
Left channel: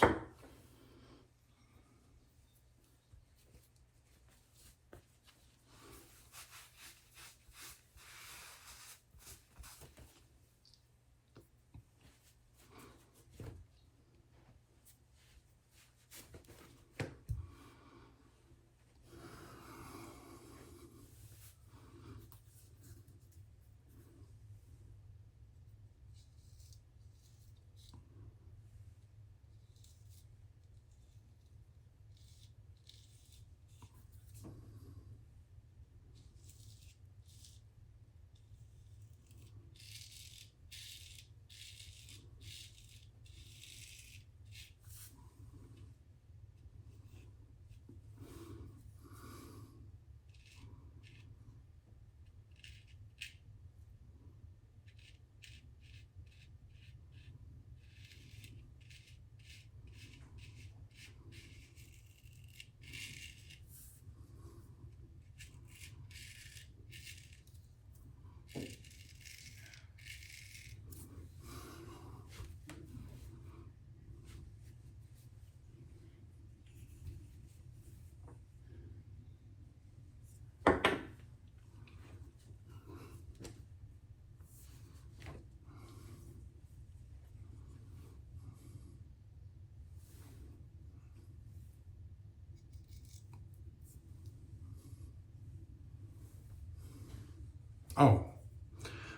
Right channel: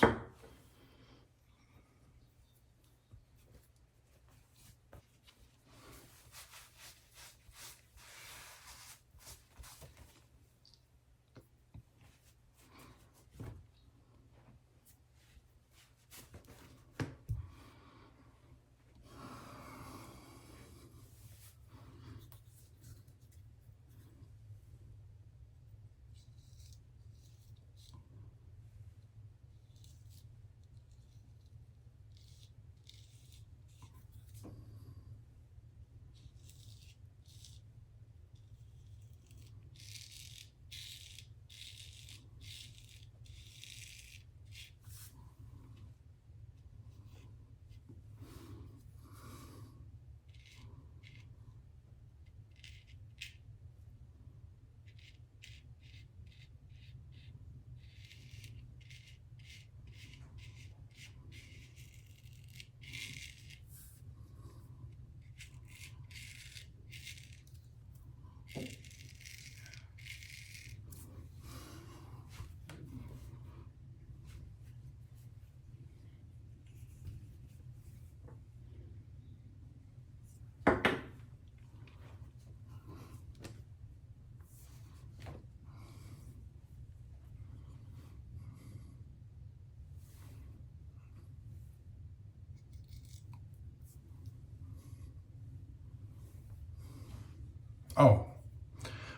Oh,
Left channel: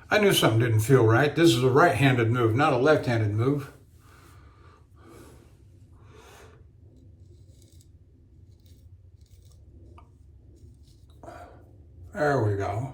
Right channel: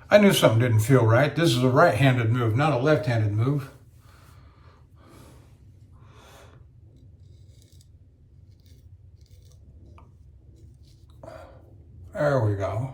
I knew something didn't feel right. This is a right-handed move, not a left-handed move. There we go.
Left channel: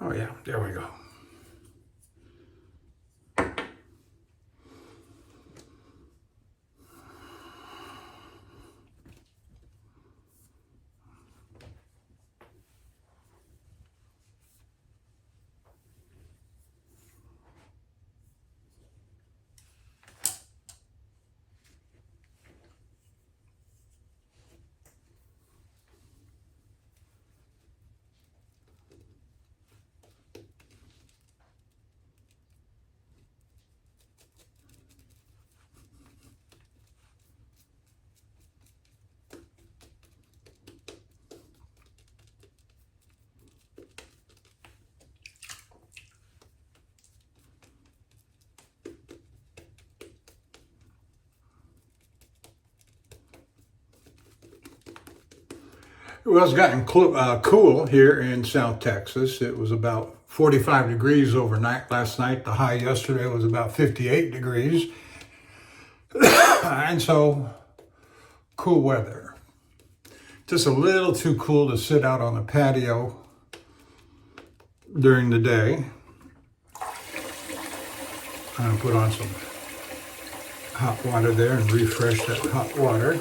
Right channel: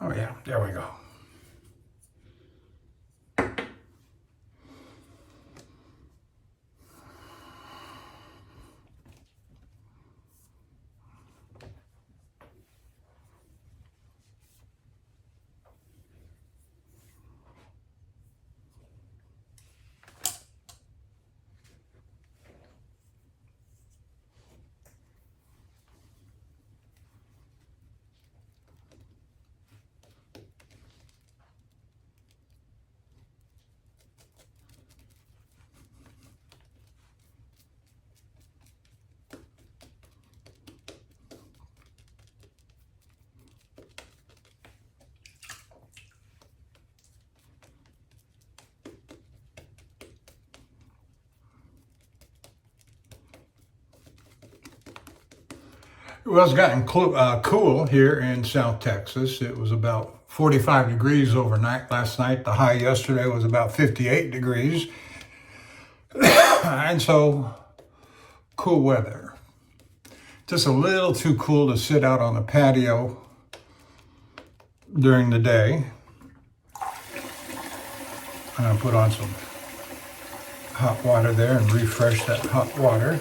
Oh yeah, there we go. It was getting cool here in South Texas. It was about 45 degrees overnight last night. The high yesterday was about 58 degrees. And so, cool weather. Just a little too cool to sit out on the patio during the day. I'm going to put on some hot water there and refresh that hot water.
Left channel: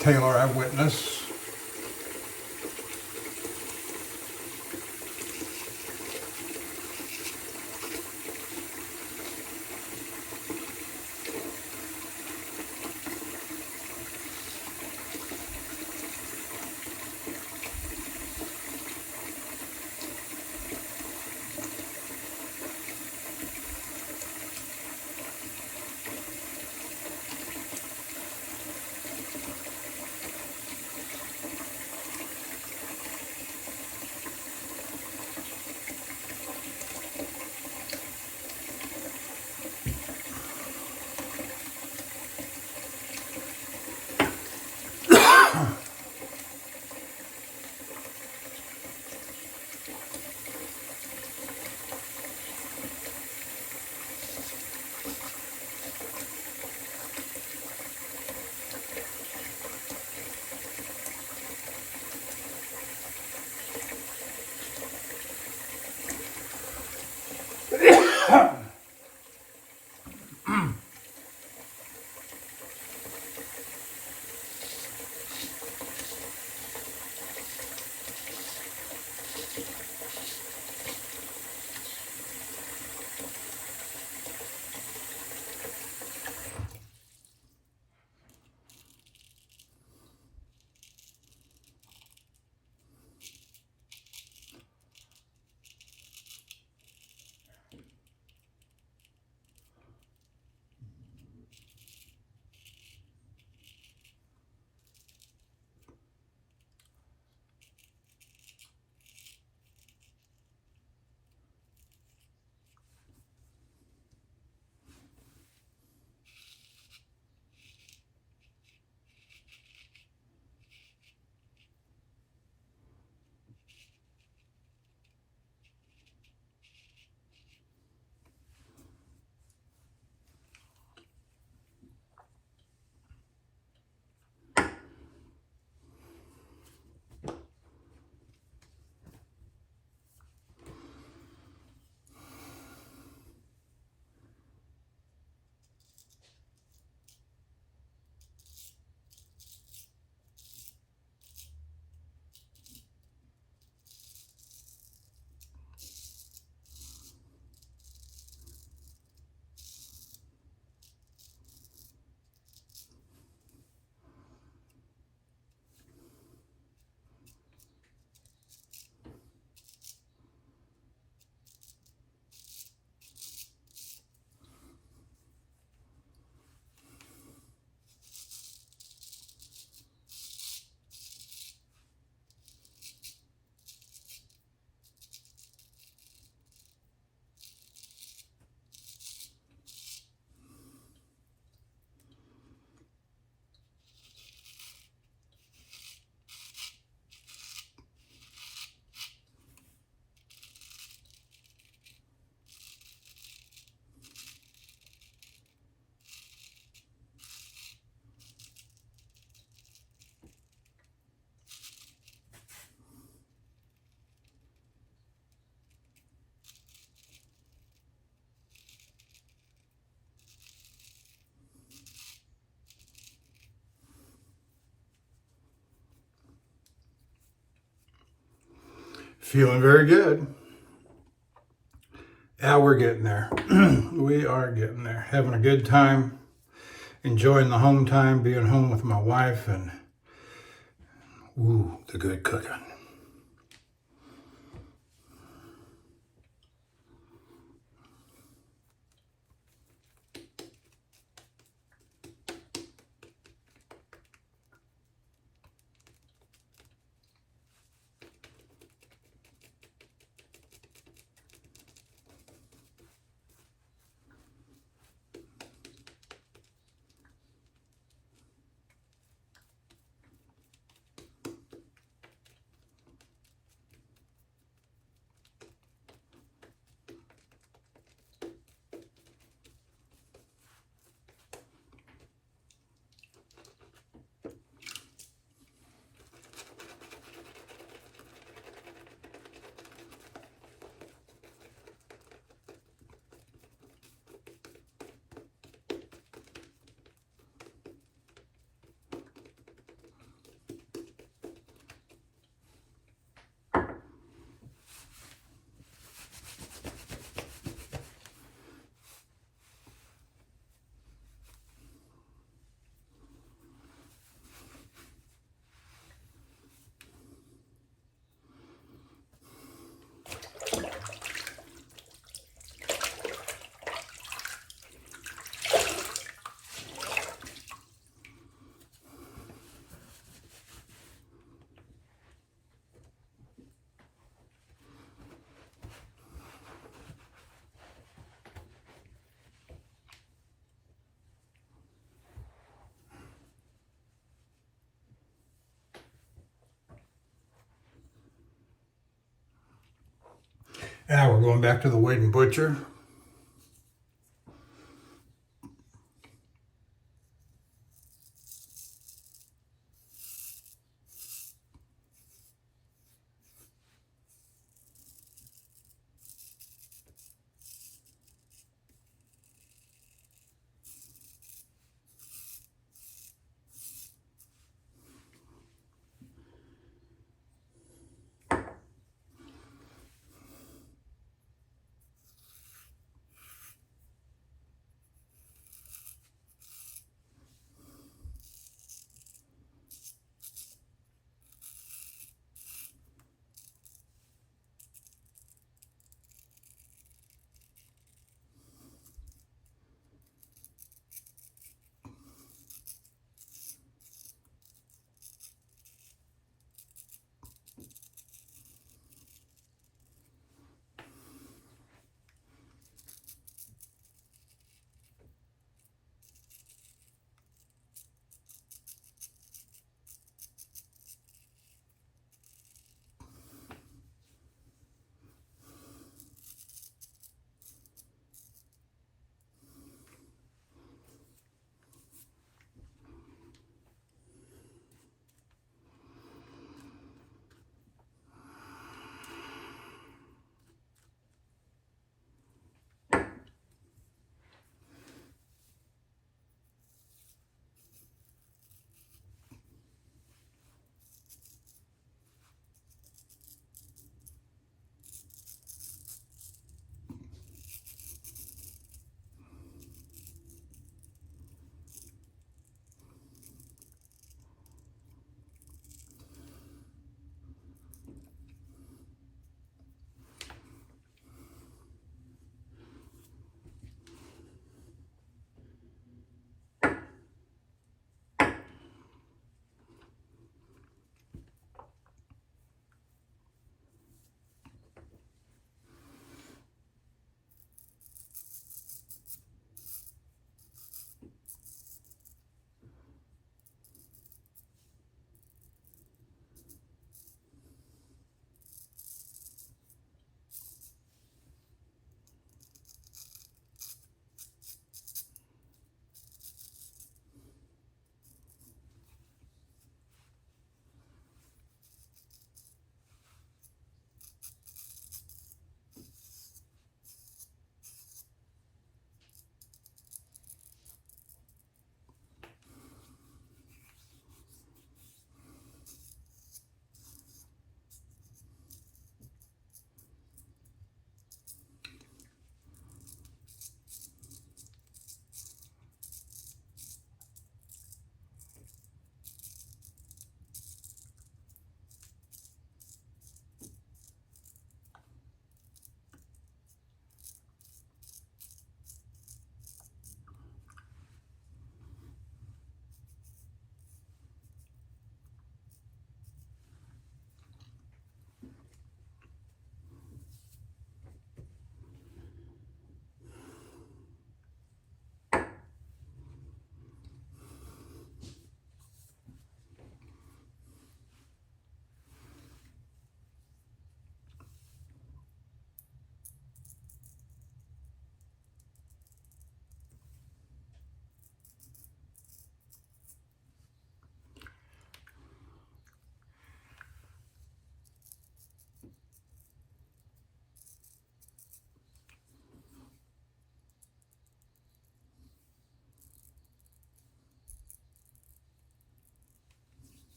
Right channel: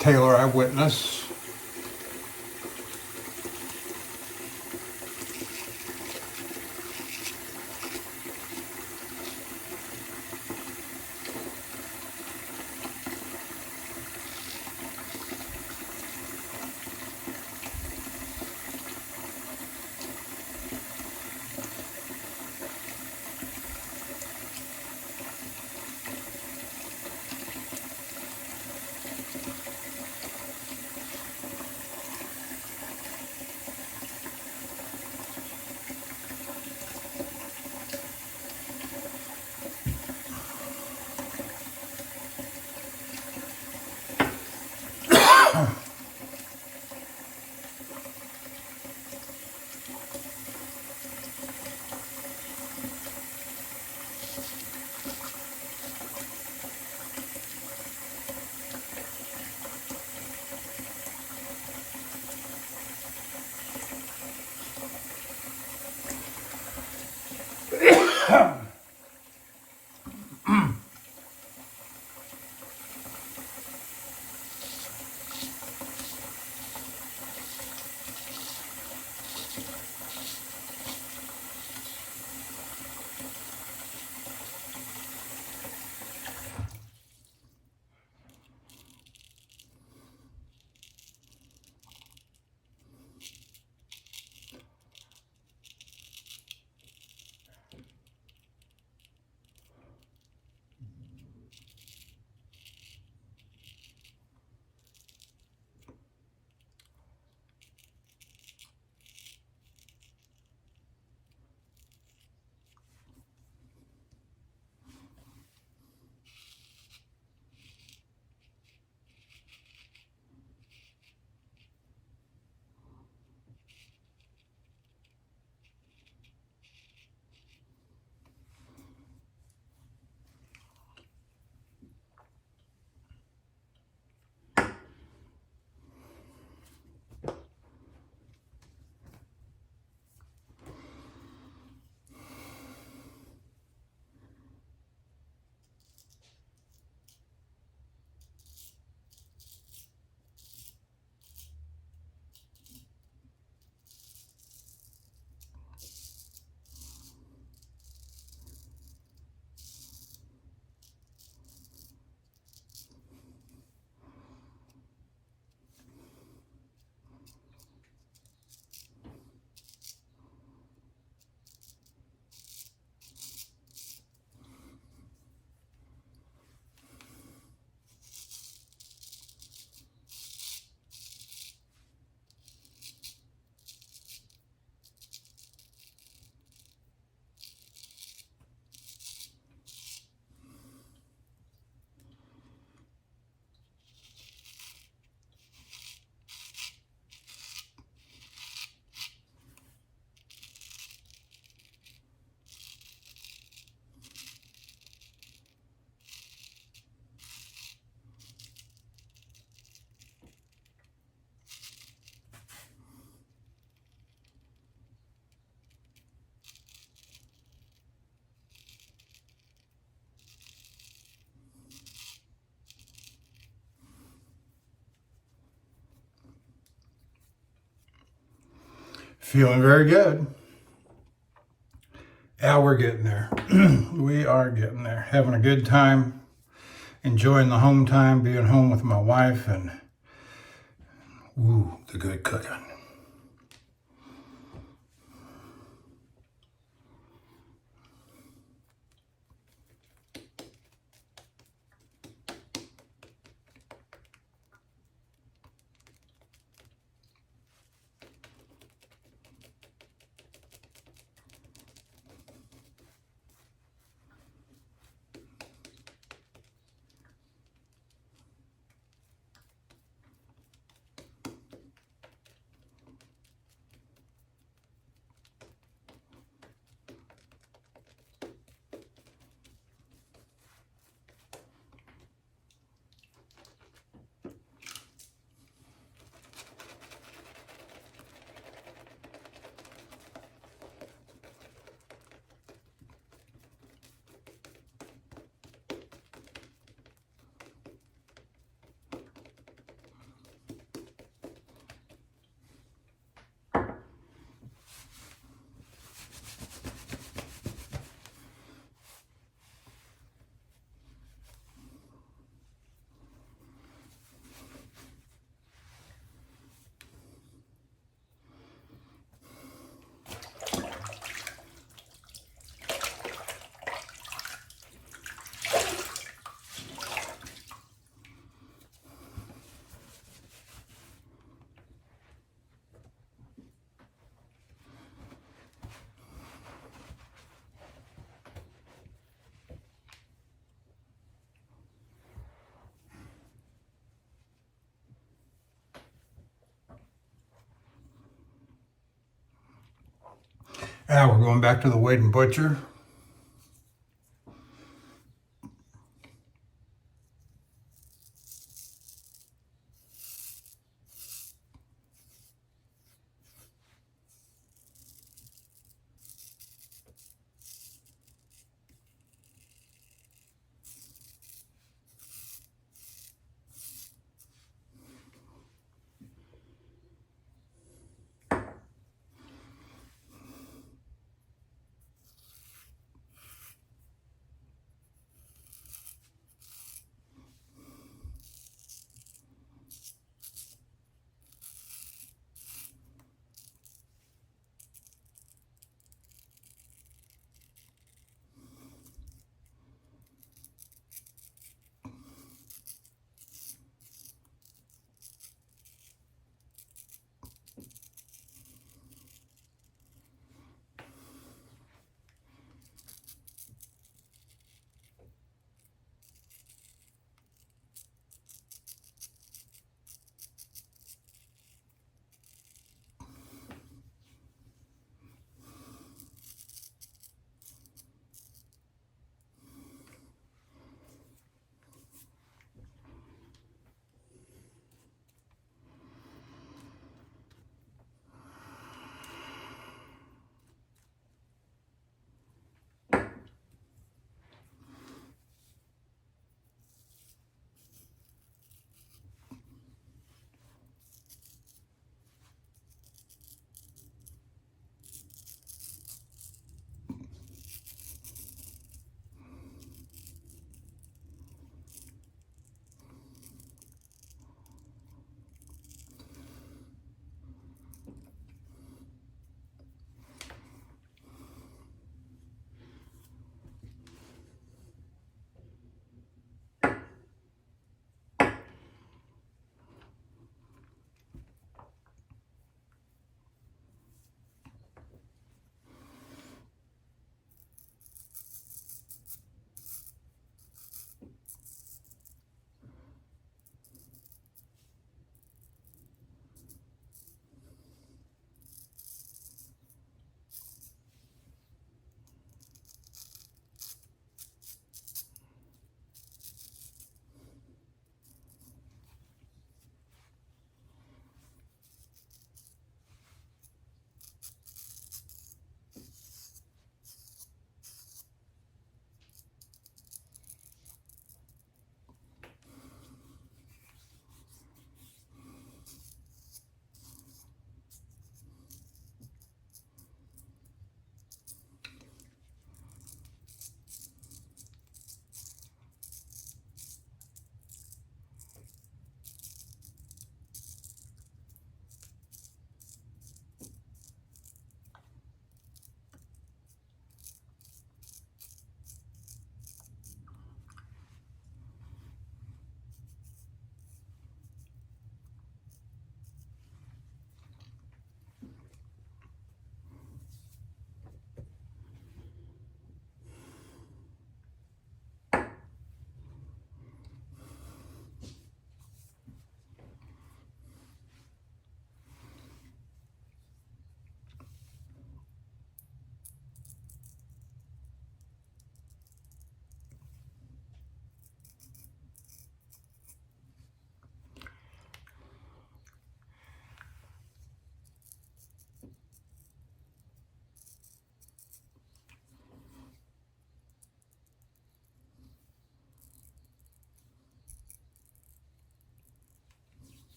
Taylor Eyewitness. feeling very good. Yeah, we're getting there. We are getting there. Having a good time, enjoying the home time, being home with my wife, and ooh, the good cooking. Now we're going back to the Wade and Butcher.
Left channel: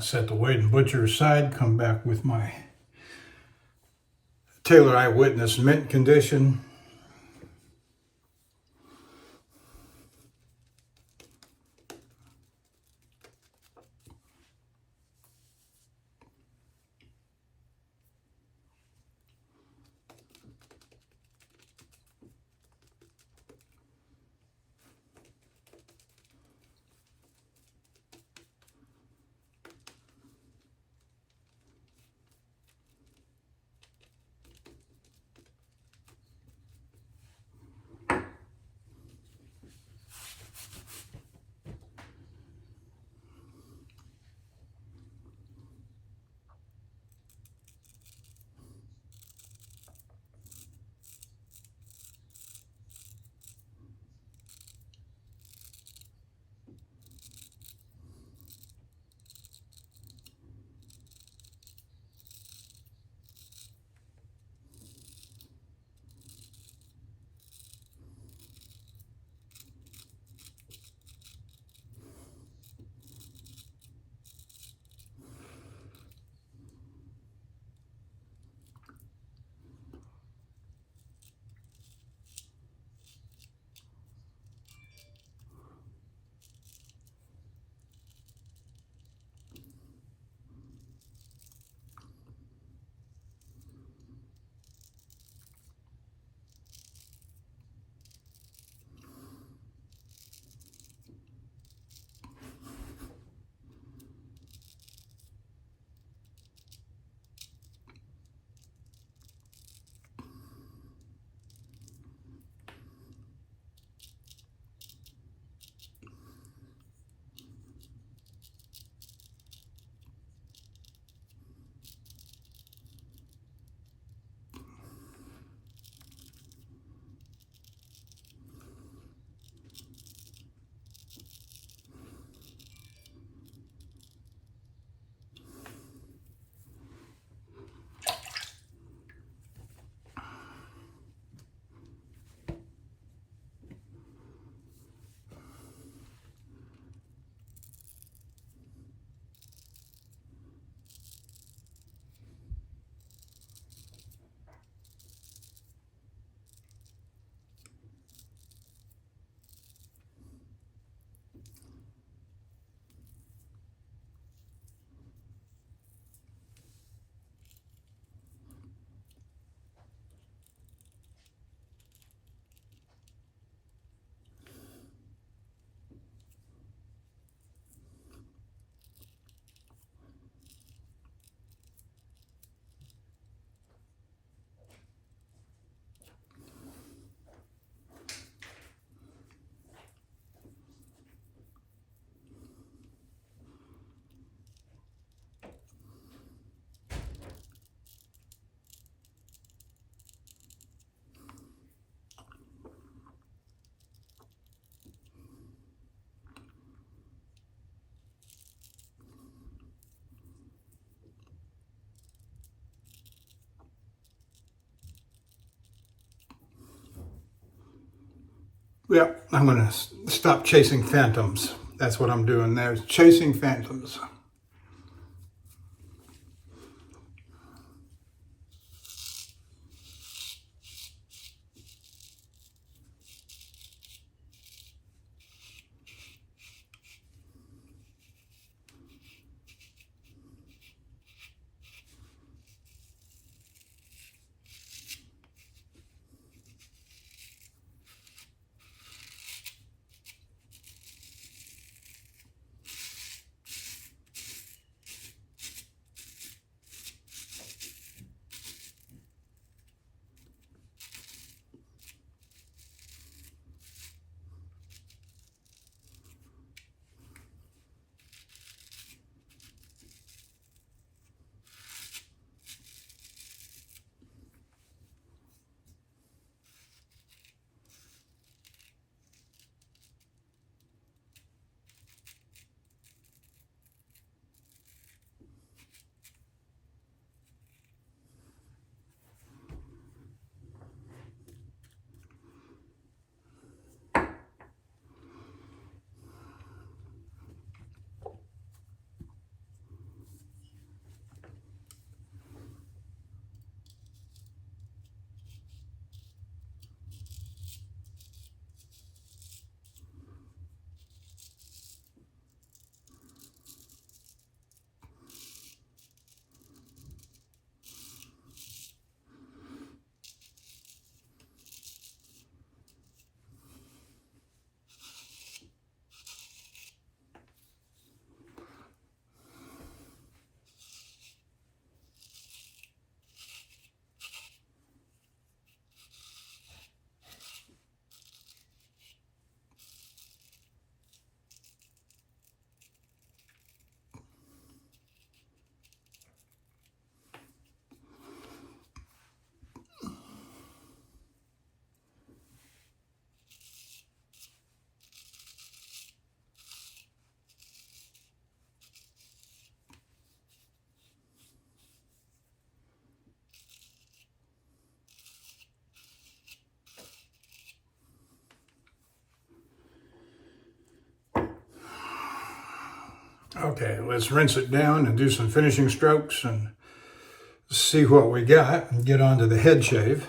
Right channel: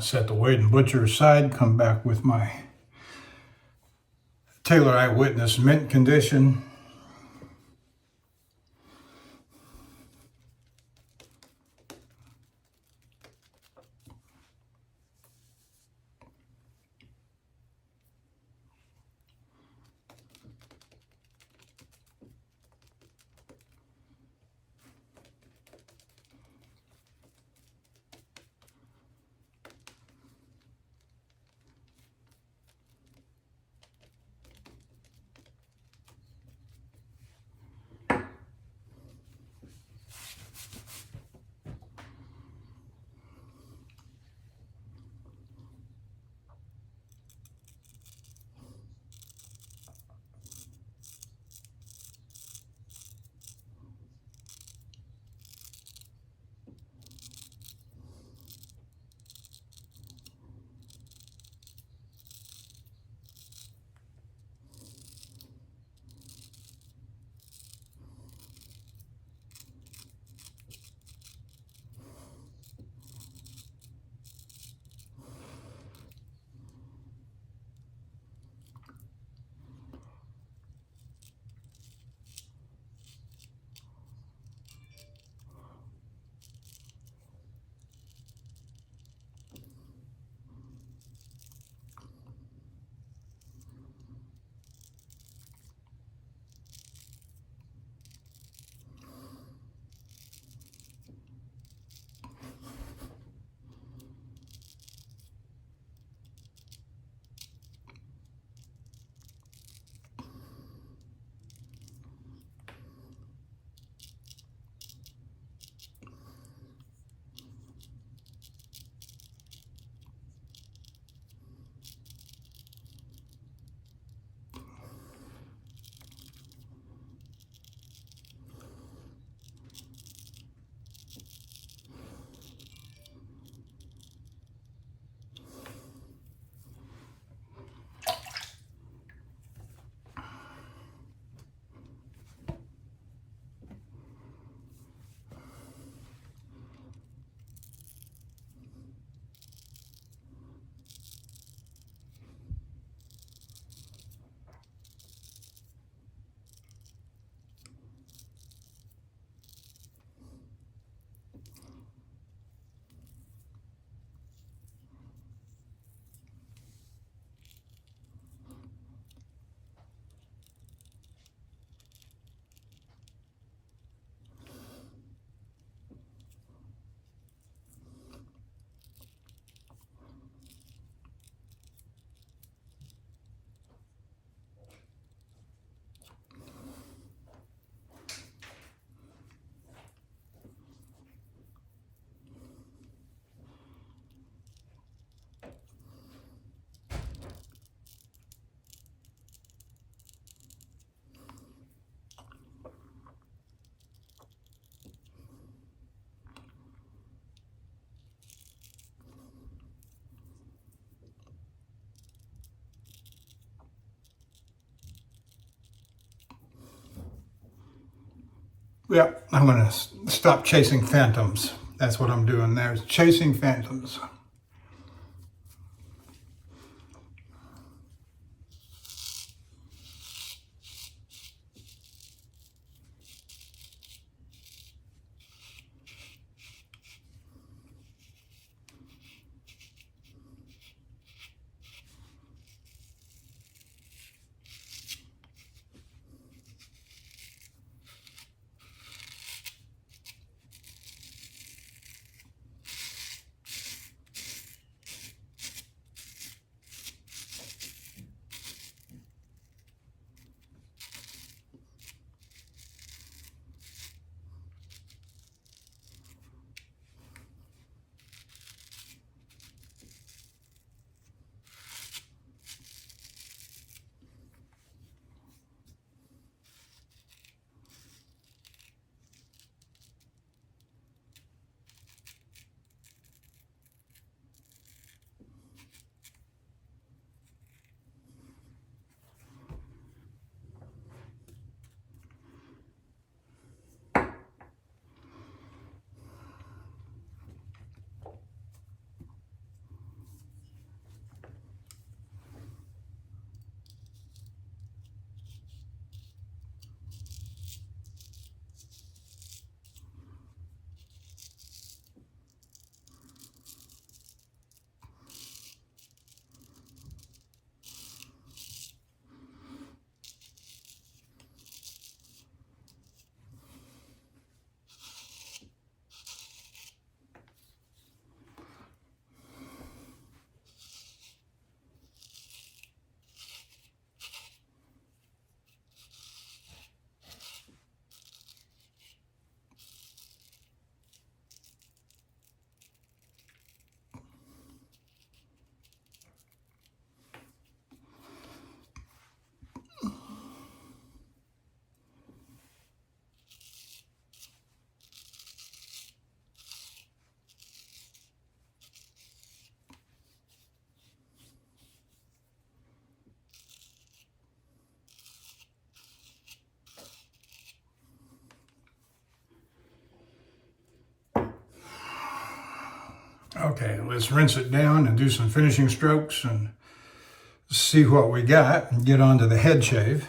set the weight and butcher aside, come back with my Taylor Eyewitness mint condition. Yep, I'm going to stop chasing phantoms. That's what I'm doing there, chasing phantoms. Okay, let's rinse it down and do some finishing strokes and see what we got and get on to the head shave.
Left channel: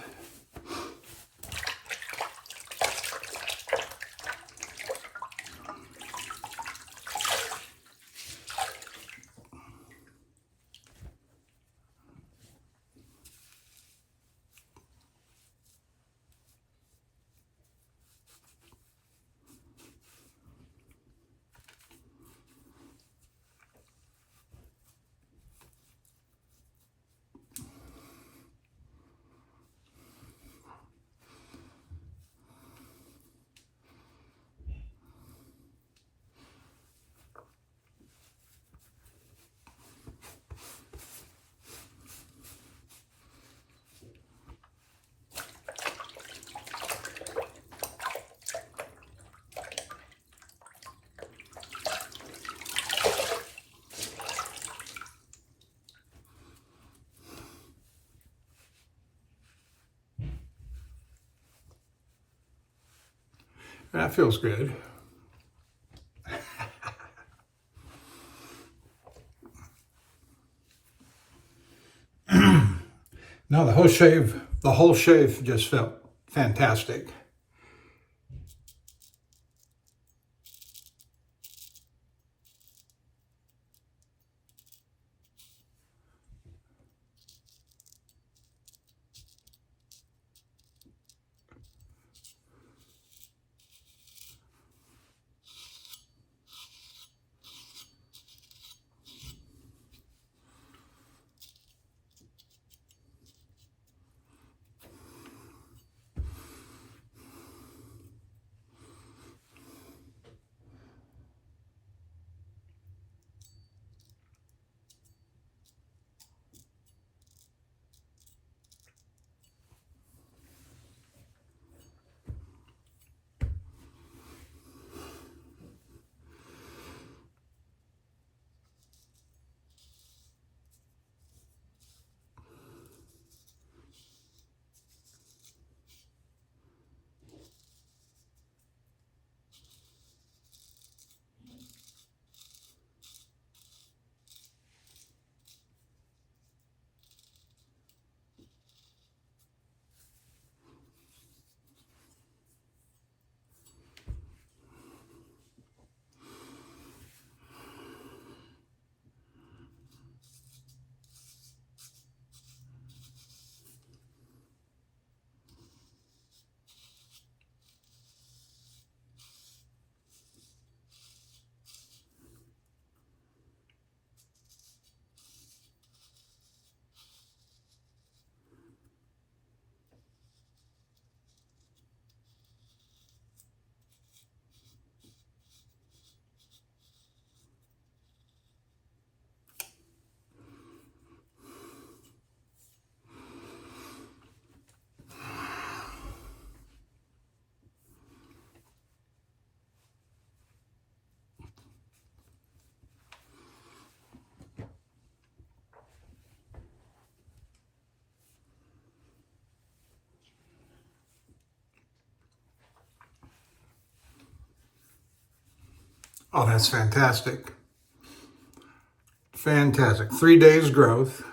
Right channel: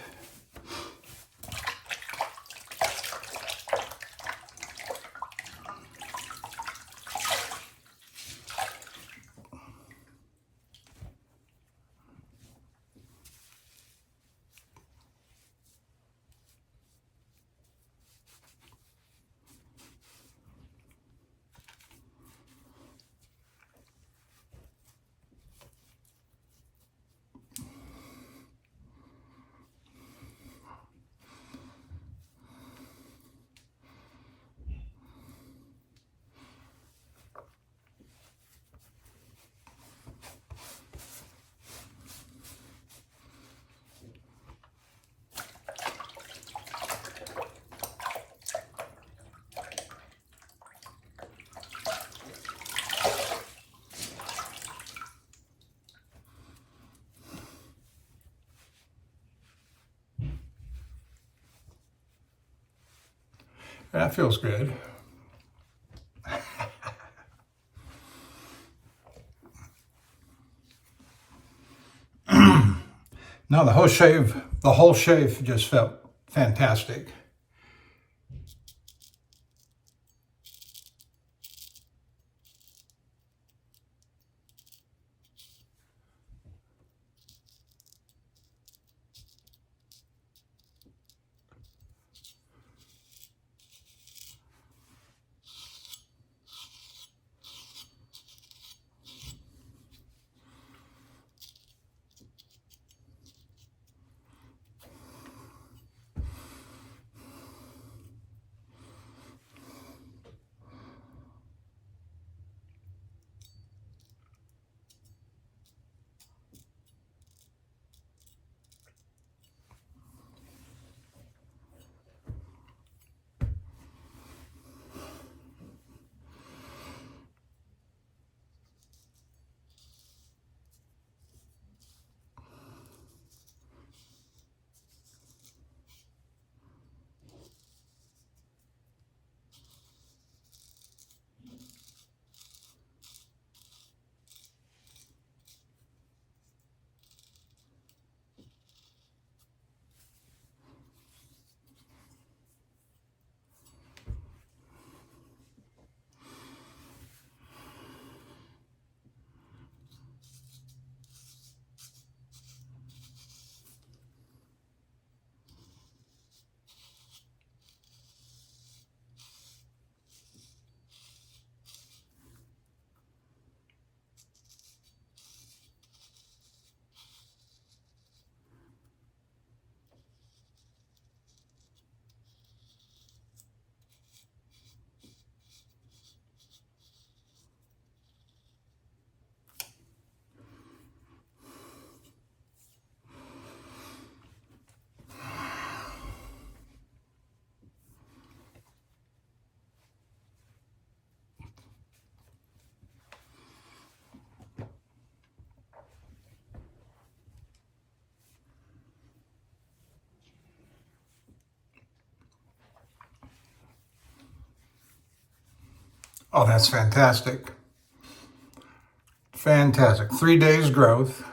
That feels good. No, the whole shave just felt fantastic. Oh, that's fantastic. Fantastic. 3 days growth.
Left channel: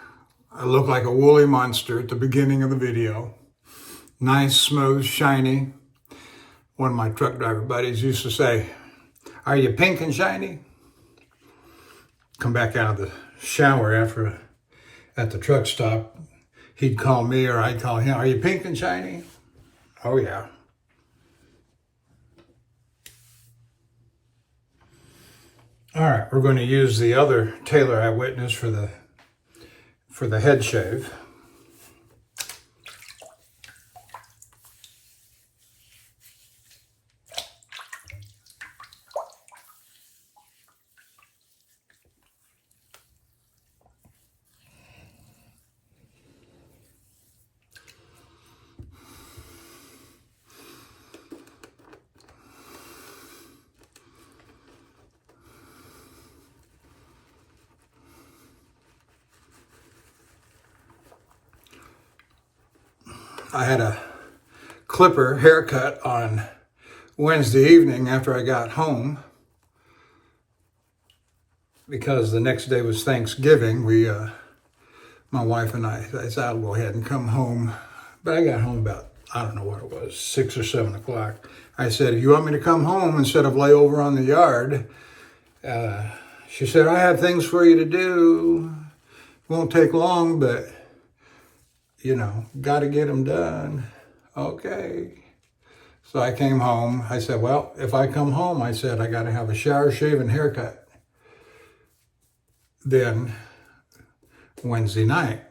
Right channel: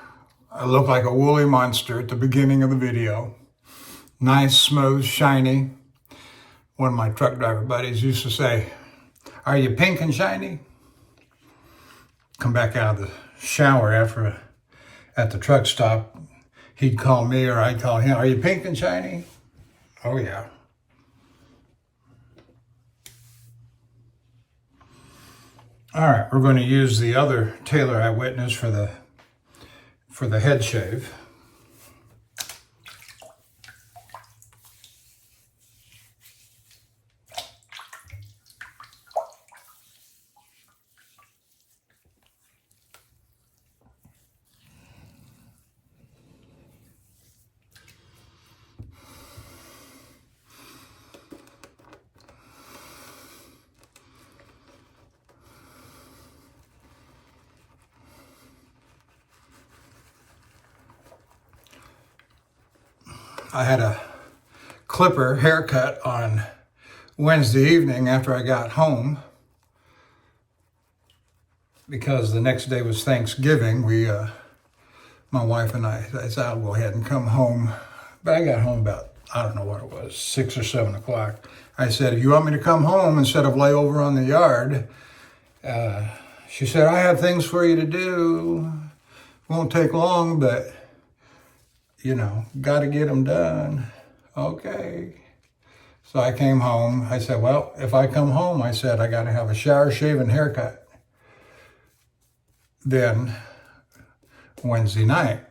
I look like a woolly monster at the beginning of the video. Nice, smooth, shiny. One of my truck driver buddies used to say, "Are you pink and shiny?" Come back out of the shower at the truck stop. He'd call me or I'd call him, "Are you pink and shiny?" Oh, yeah. All right, we're going to use the other Taylor Eyewitness for the head shave. I had a clipper haircut on Wednesday evening after I got home. because the next day was Thanksgiving, my wife and I said, I'll go ahead and come home. But I got home about, I don't know what it was, 6 or 7 o'clock. I said, if you want me to come home instead of lay over on the yard? She said, I have things for you to do. Won't take long, but, got to get them done. Okay. So I came home. I said, well, if I come home, I said, I got to have a shower, shave, and haircut. Then Wednesday night,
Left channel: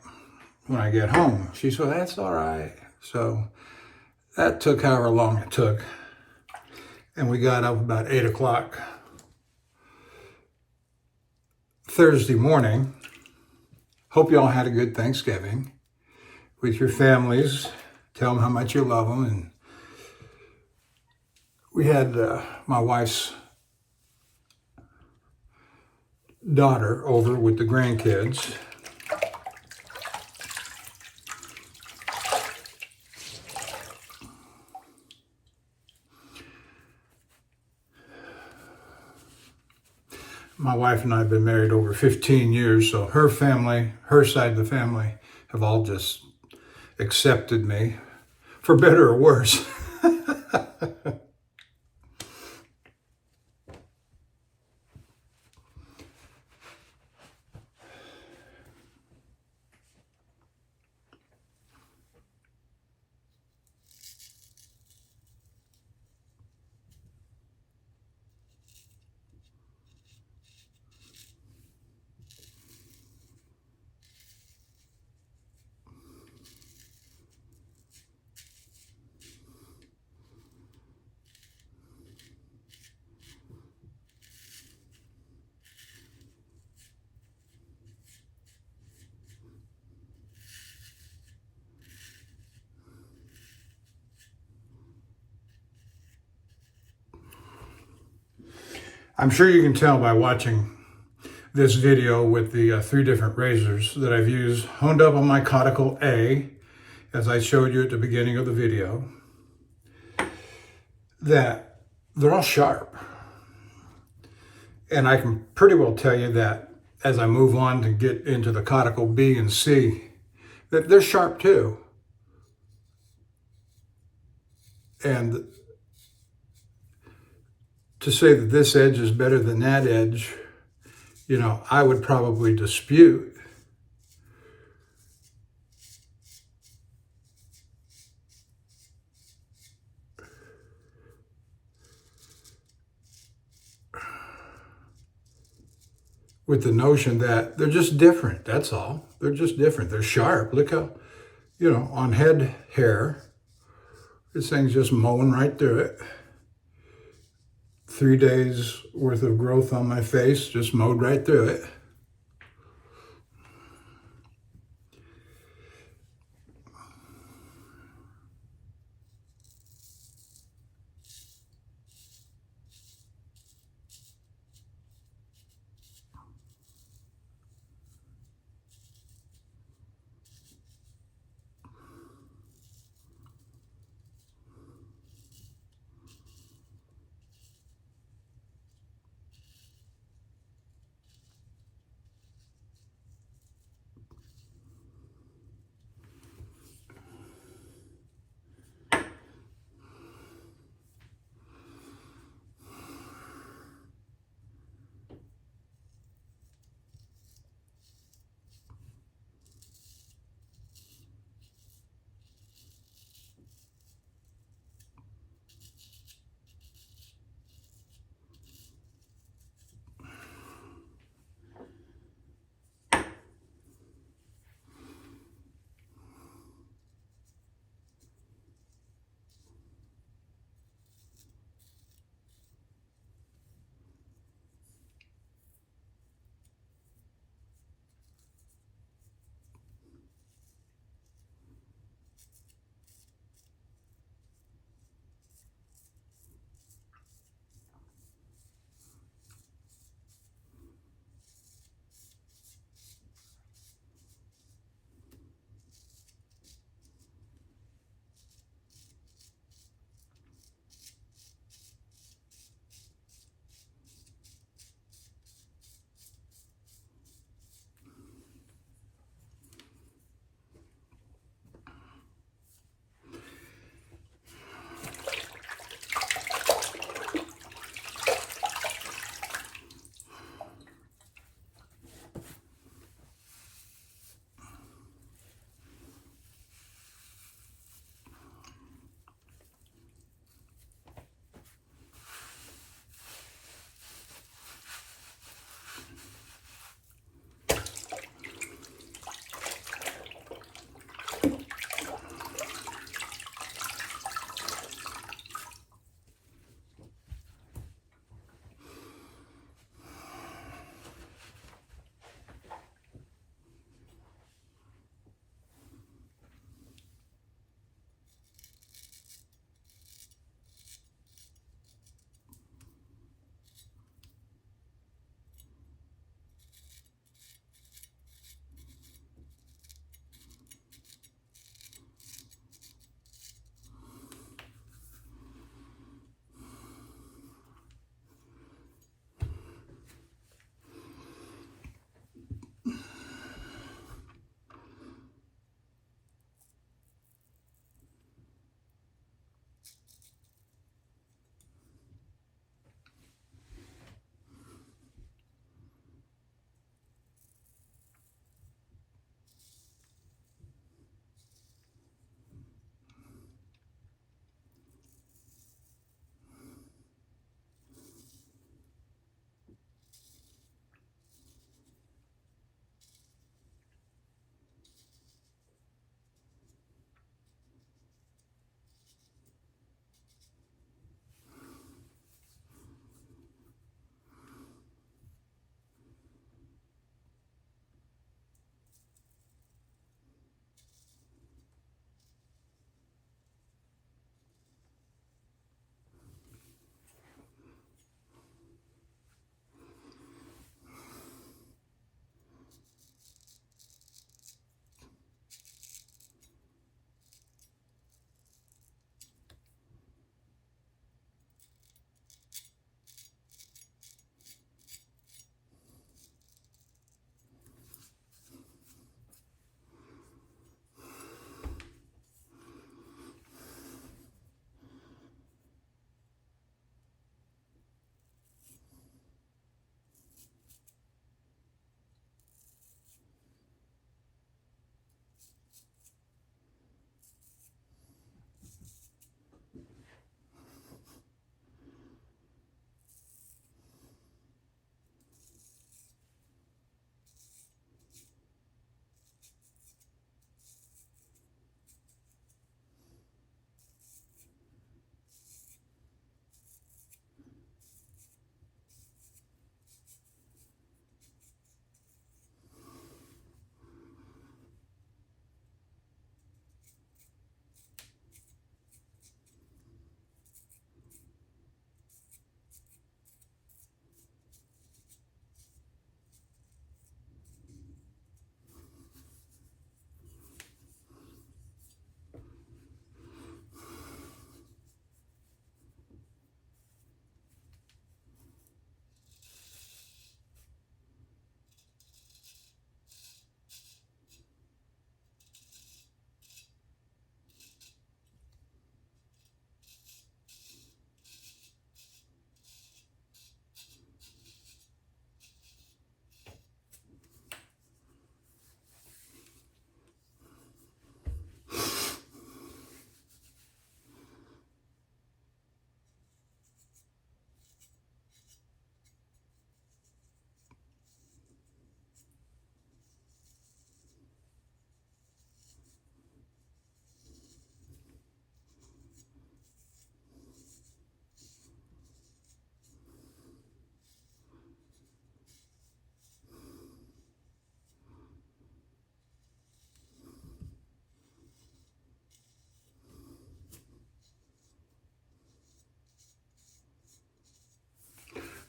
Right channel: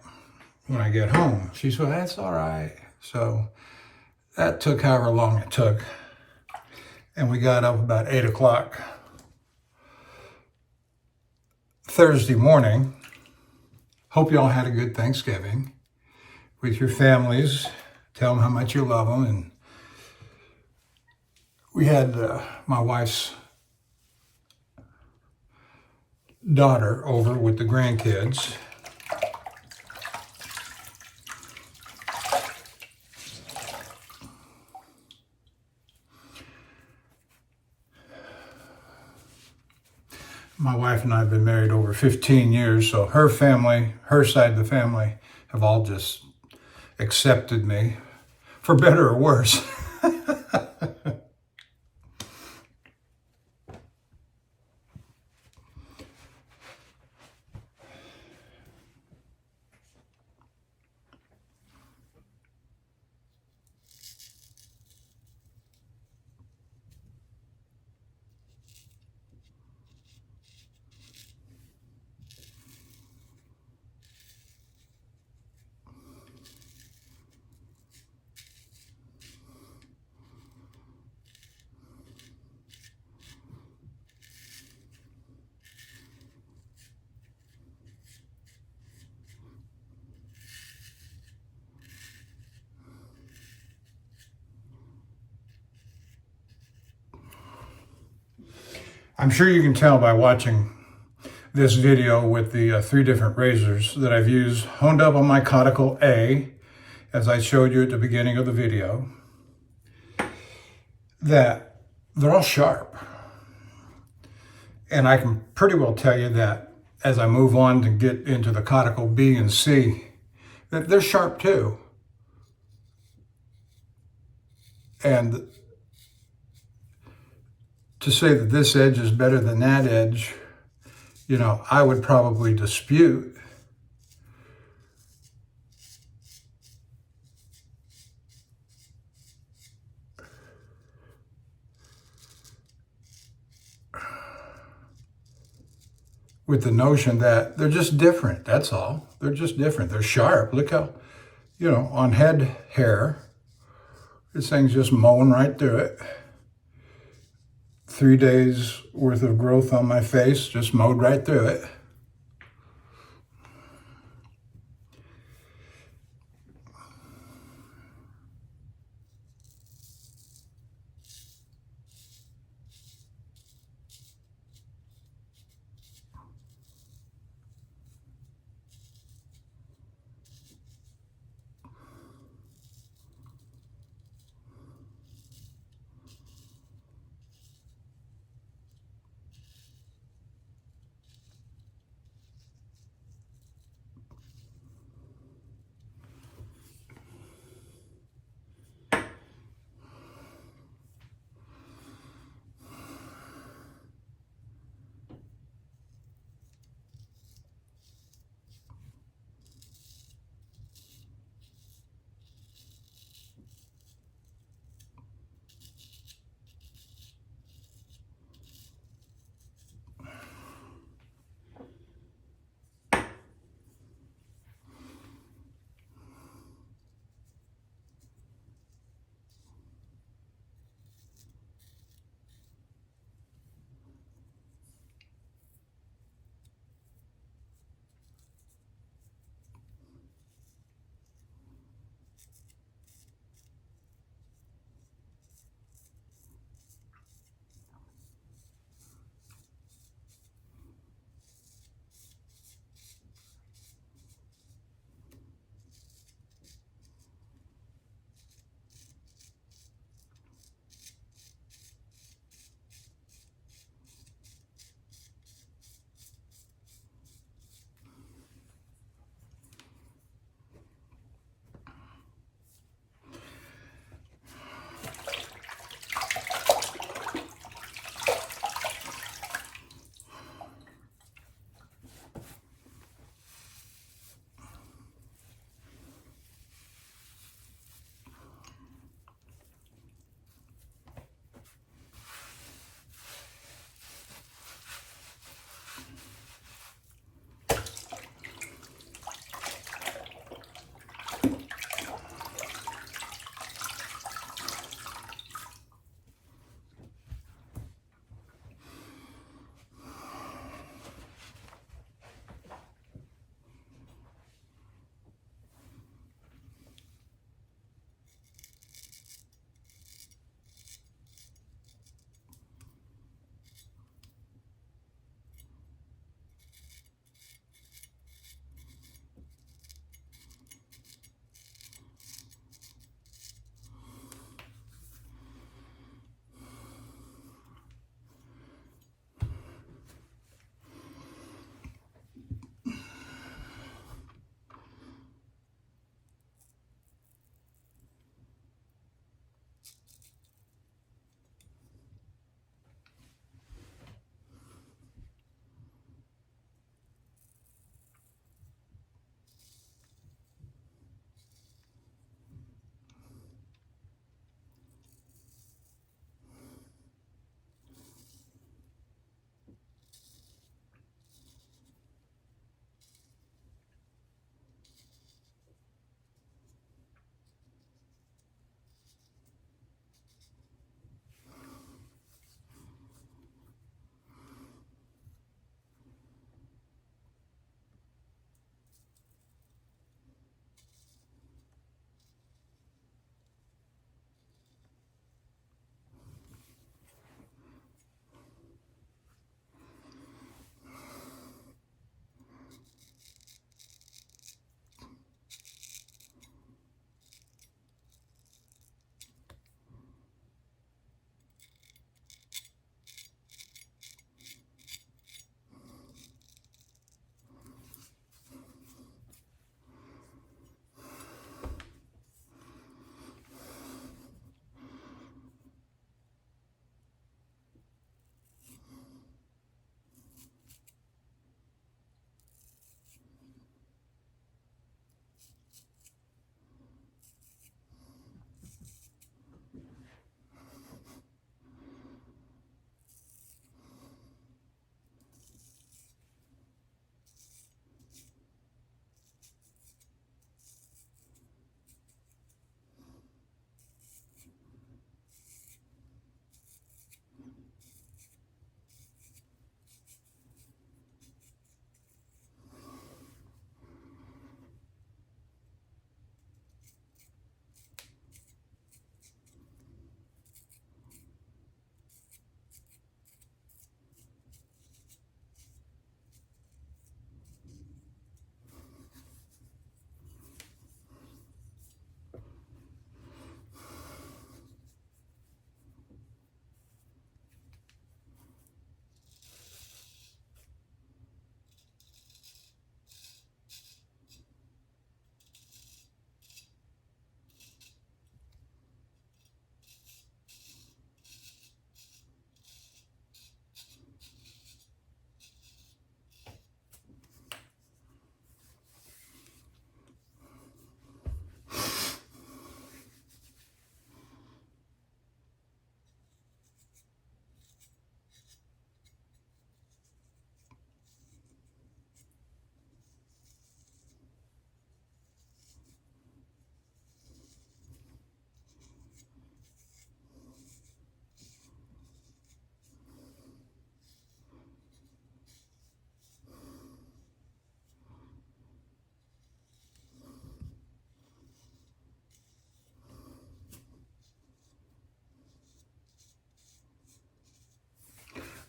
when I get home, she said, that's all right. So that took however long it took. And we got up about 8 o'clock Thursday morning. Hope you all had a good Thanksgiving with your families. Tell them how much you love them. And we had my wife's daughter over with the grandkids. My wife and I have been married over 15 years, so her family, her side of the family, have all just accepted me, for better or worse. I'm sure you can tell by watching this video with the 3 different razors that I've used, honed up on my Cuticle A, as I showed you at the beginning of the video, that they're all sharp. And I can pretty well tell you that as I move on to get into the Cuticle B and C, that they're sharp too. And to say that this edge is better than that edge, I would probably dispute. With the notion that they're just different, that's all. They're just different. They're sharp. Look how, on head hair, this thing's just mowing right through it. 3 days worth of growth on my face, just mowed right through it.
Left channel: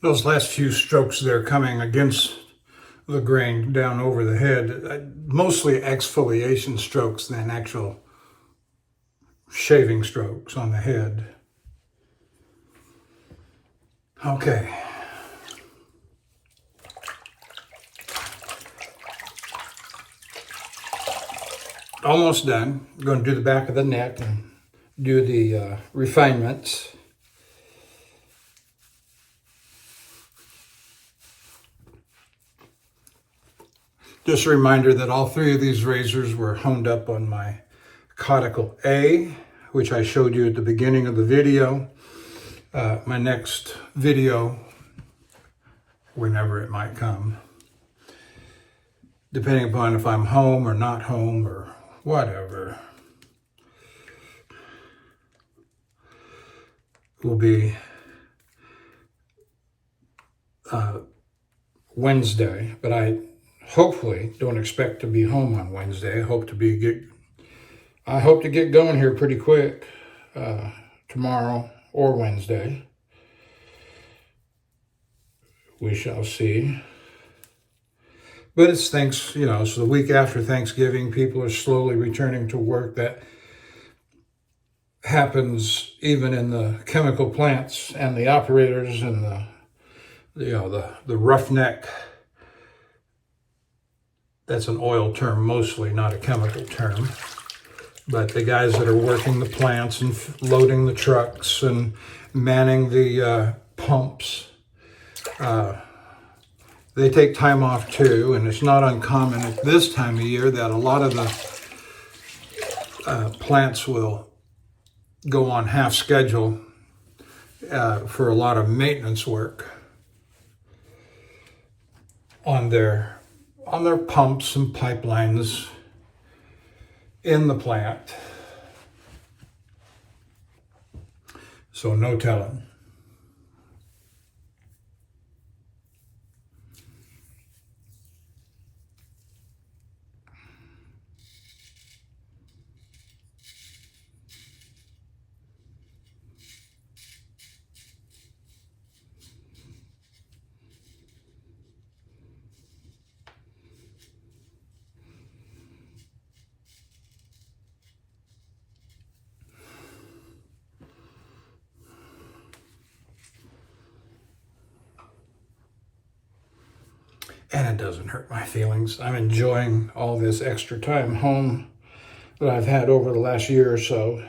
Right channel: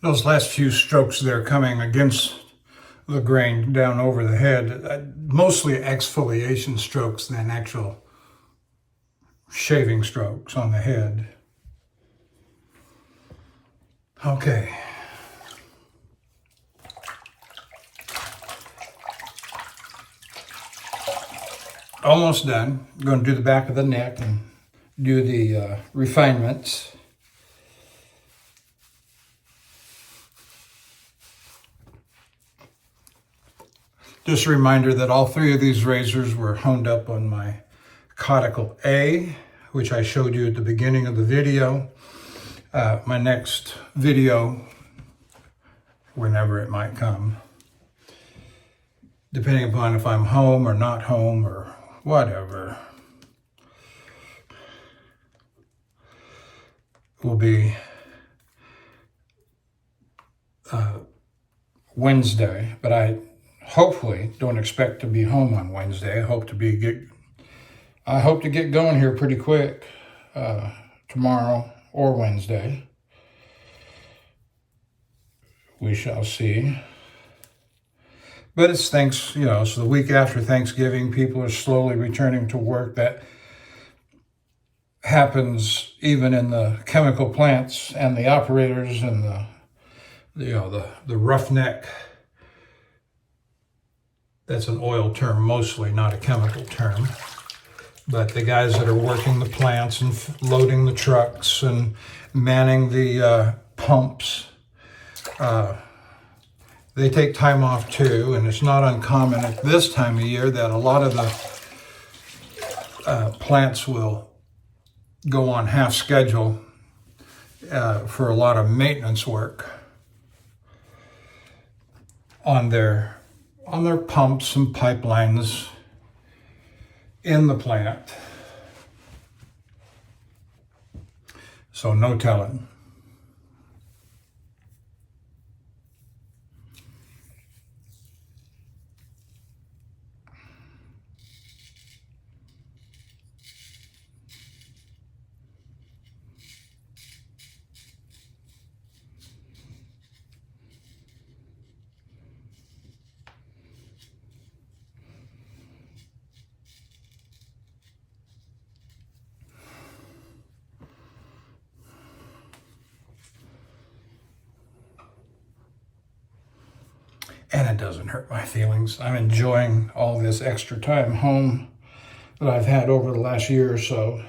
Those last few strokes there coming against the grain down over the head, mostly exfoliation strokes than actual shaving strokes on the head. Okay. Almost done. I'm going to do the back of the neck and do the refinements. Just a reminder that all three of these razors were honed up on my Cuticle A, which I showed you at the beginning of the video. My next video, whenever it might come, depending upon if I'm home or not home or whatever, will be Wednesday, but I hopefully don't expect to be home on Wednesday. I hope to get going here pretty quick tomorrow or Wednesday. We shall see. But it's so the week after Thanksgiving, people are slowly returning to work. That happens even in the chemical plants and the operators and the roughneck. That's an oil term mostly, not a chemical term. But the guys that are working the plants and loading the trucks and manning the pumps, they take time off too. And it's not uncommon at this time of year that a lot of the plants will go on half schedule for a lot of maintenance work on their pumps and pipelines in the plant. So no telling. And it doesn't hurt my feelings. I'm enjoying all this extra time home that I've had over the last year or so.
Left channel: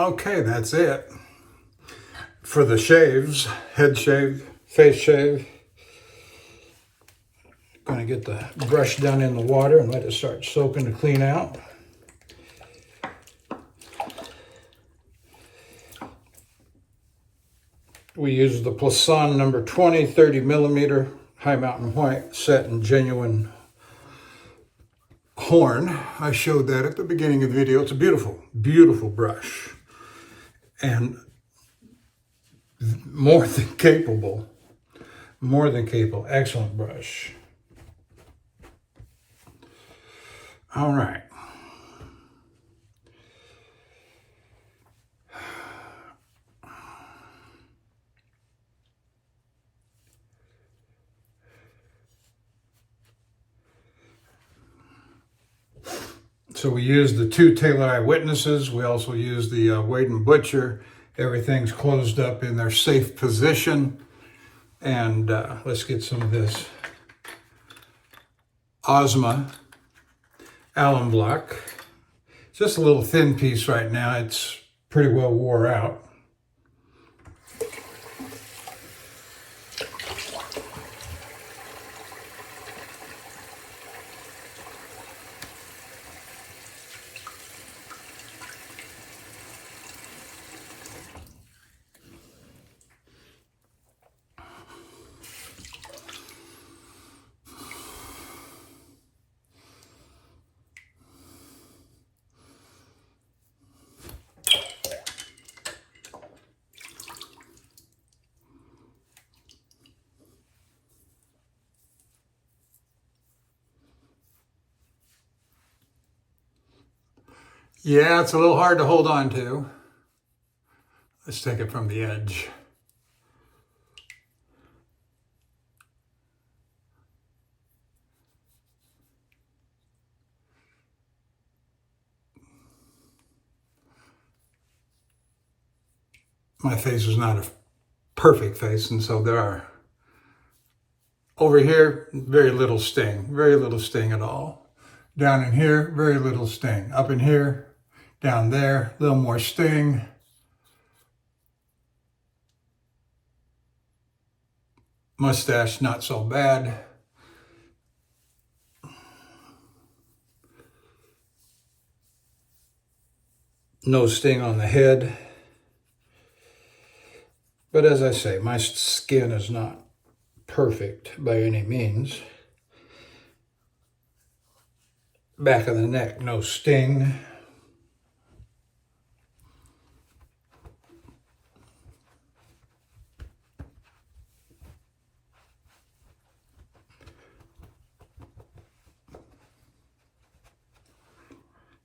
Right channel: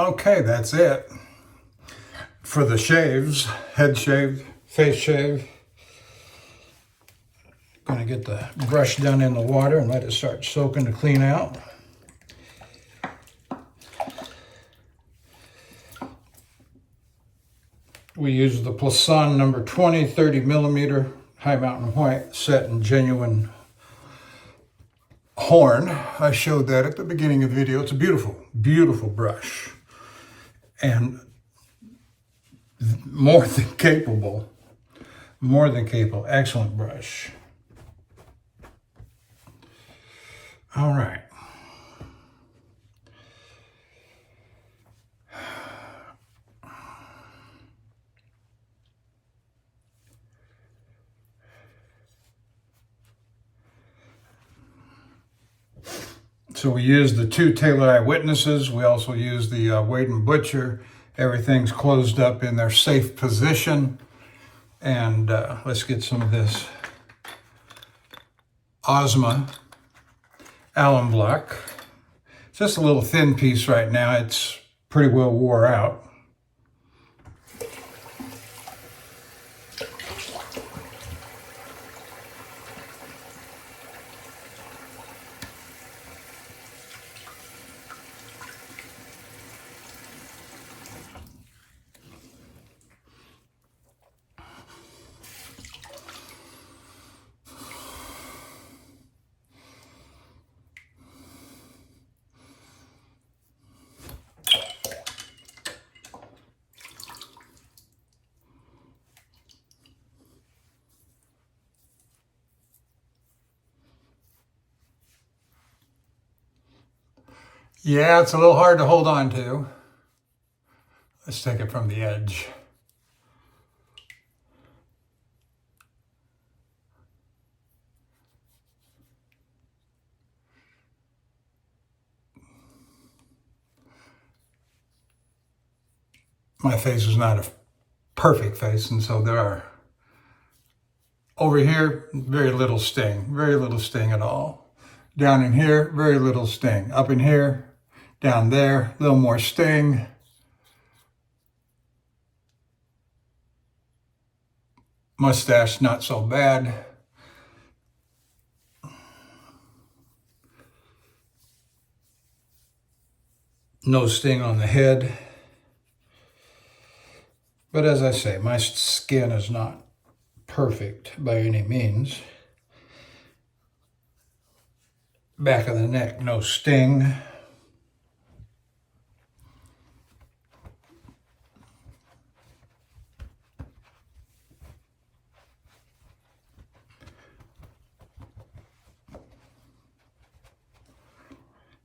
Okay, that's it for the shaves. Head shave, face shave. Gonna get the brush down in the water and let it start soaking to clean out. We use the Plasson number 20, 30 millimeter High Mountain White set in genuine horn. I showed that at the beginning of the video. It's a beautiful, beautiful brush. And more than capable. Excellent brush. All right. So we use the 2 Taylor Eyewitnesses. We also use the Wade & Butcher. Everything's closed up in their safe position. And let's get some of this Ozma alum block. It's just a little thin piece right now. It's pretty well wore out. Yeah, it's a little hard to hold on to. Let's take it from the edge. My face is not a perfect face, and so there are, over here, very little sting at all. Down in here, very little sting. Up in here, down there, a little more sting. Mustache, not so bad. No sting on the head. But as I say, my skin is not perfect by any means. Back of the neck, no sting.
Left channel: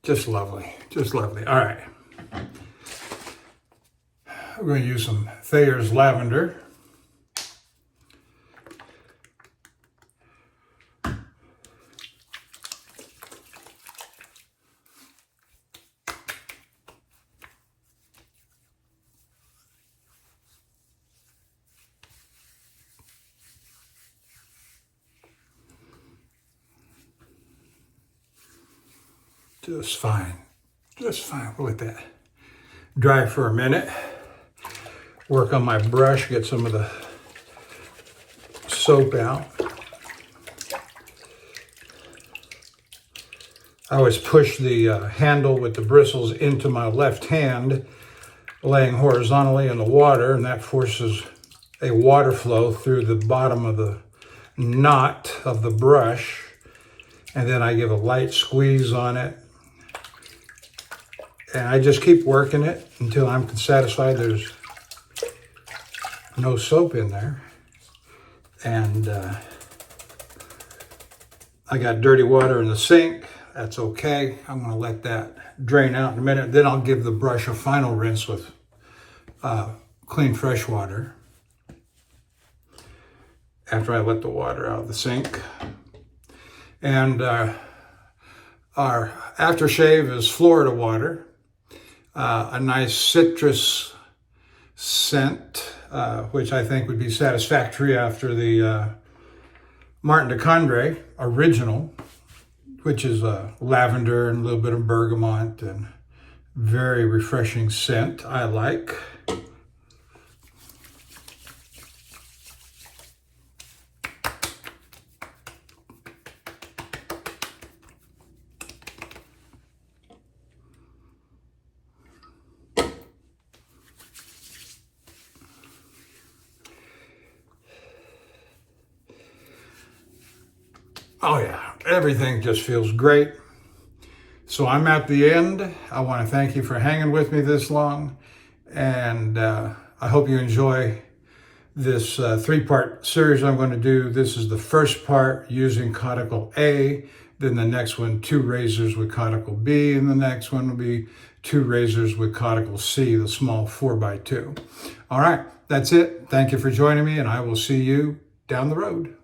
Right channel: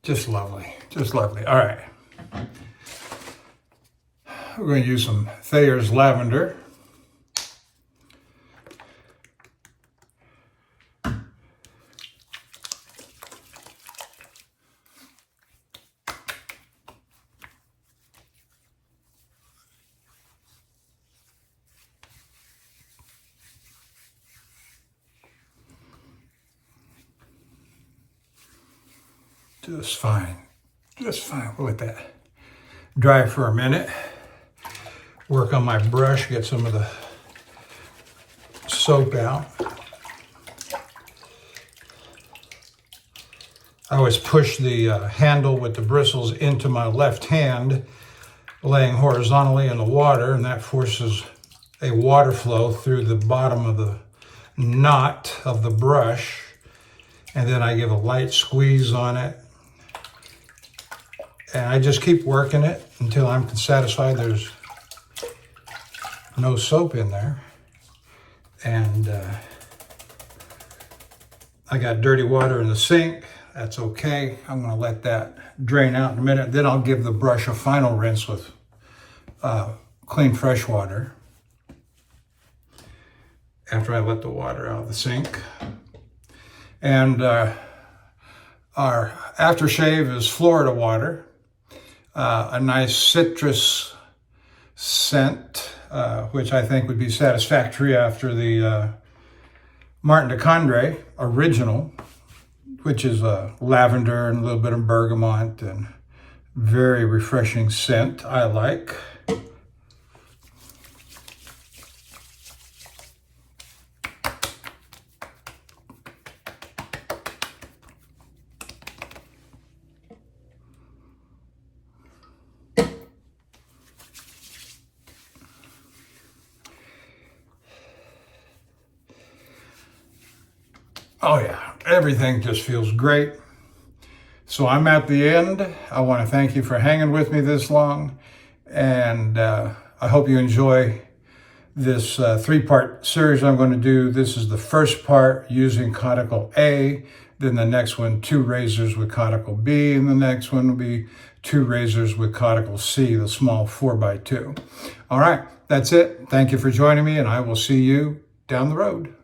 Just lovely, just lovely. All right. We're going to use some Thayer's Lavender. Just fine. Just fine. We'll let that dry for a minute. Work on my brush, get some of the soap out. I always push the handle with the bristles into my left hand, laying horizontally in the water, and that forces a water flow through the bottom of the knot of the brush. And then I give a light squeeze on it. And I just keep working it until I'm satisfied there's no soap in there. And I got dirty water in the sink. That's okay. I'm going to let that drain out in a minute. Then I'll give the brush a final rinse with clean fresh water after I let the water out of the sink. And our aftershave is Florida water, a nice citrus scent, which I think would be satisfactory after the Martin de Condre original, which is lavender and a little bit of bergamot and Very refreshing scent, I like. Oh yeah, everything just feels great. So I'm at the end. I want to thank you for hanging with me this long. And I hope you enjoy this three-part series I'm going to do. This is the first part using caudicle A. Then the next one, 2 razors with caudicle B. And the next one will be 2 razors with caudicle C, the small 4x2. All right, that's it. Thank you for joining me, and I will see you down the road.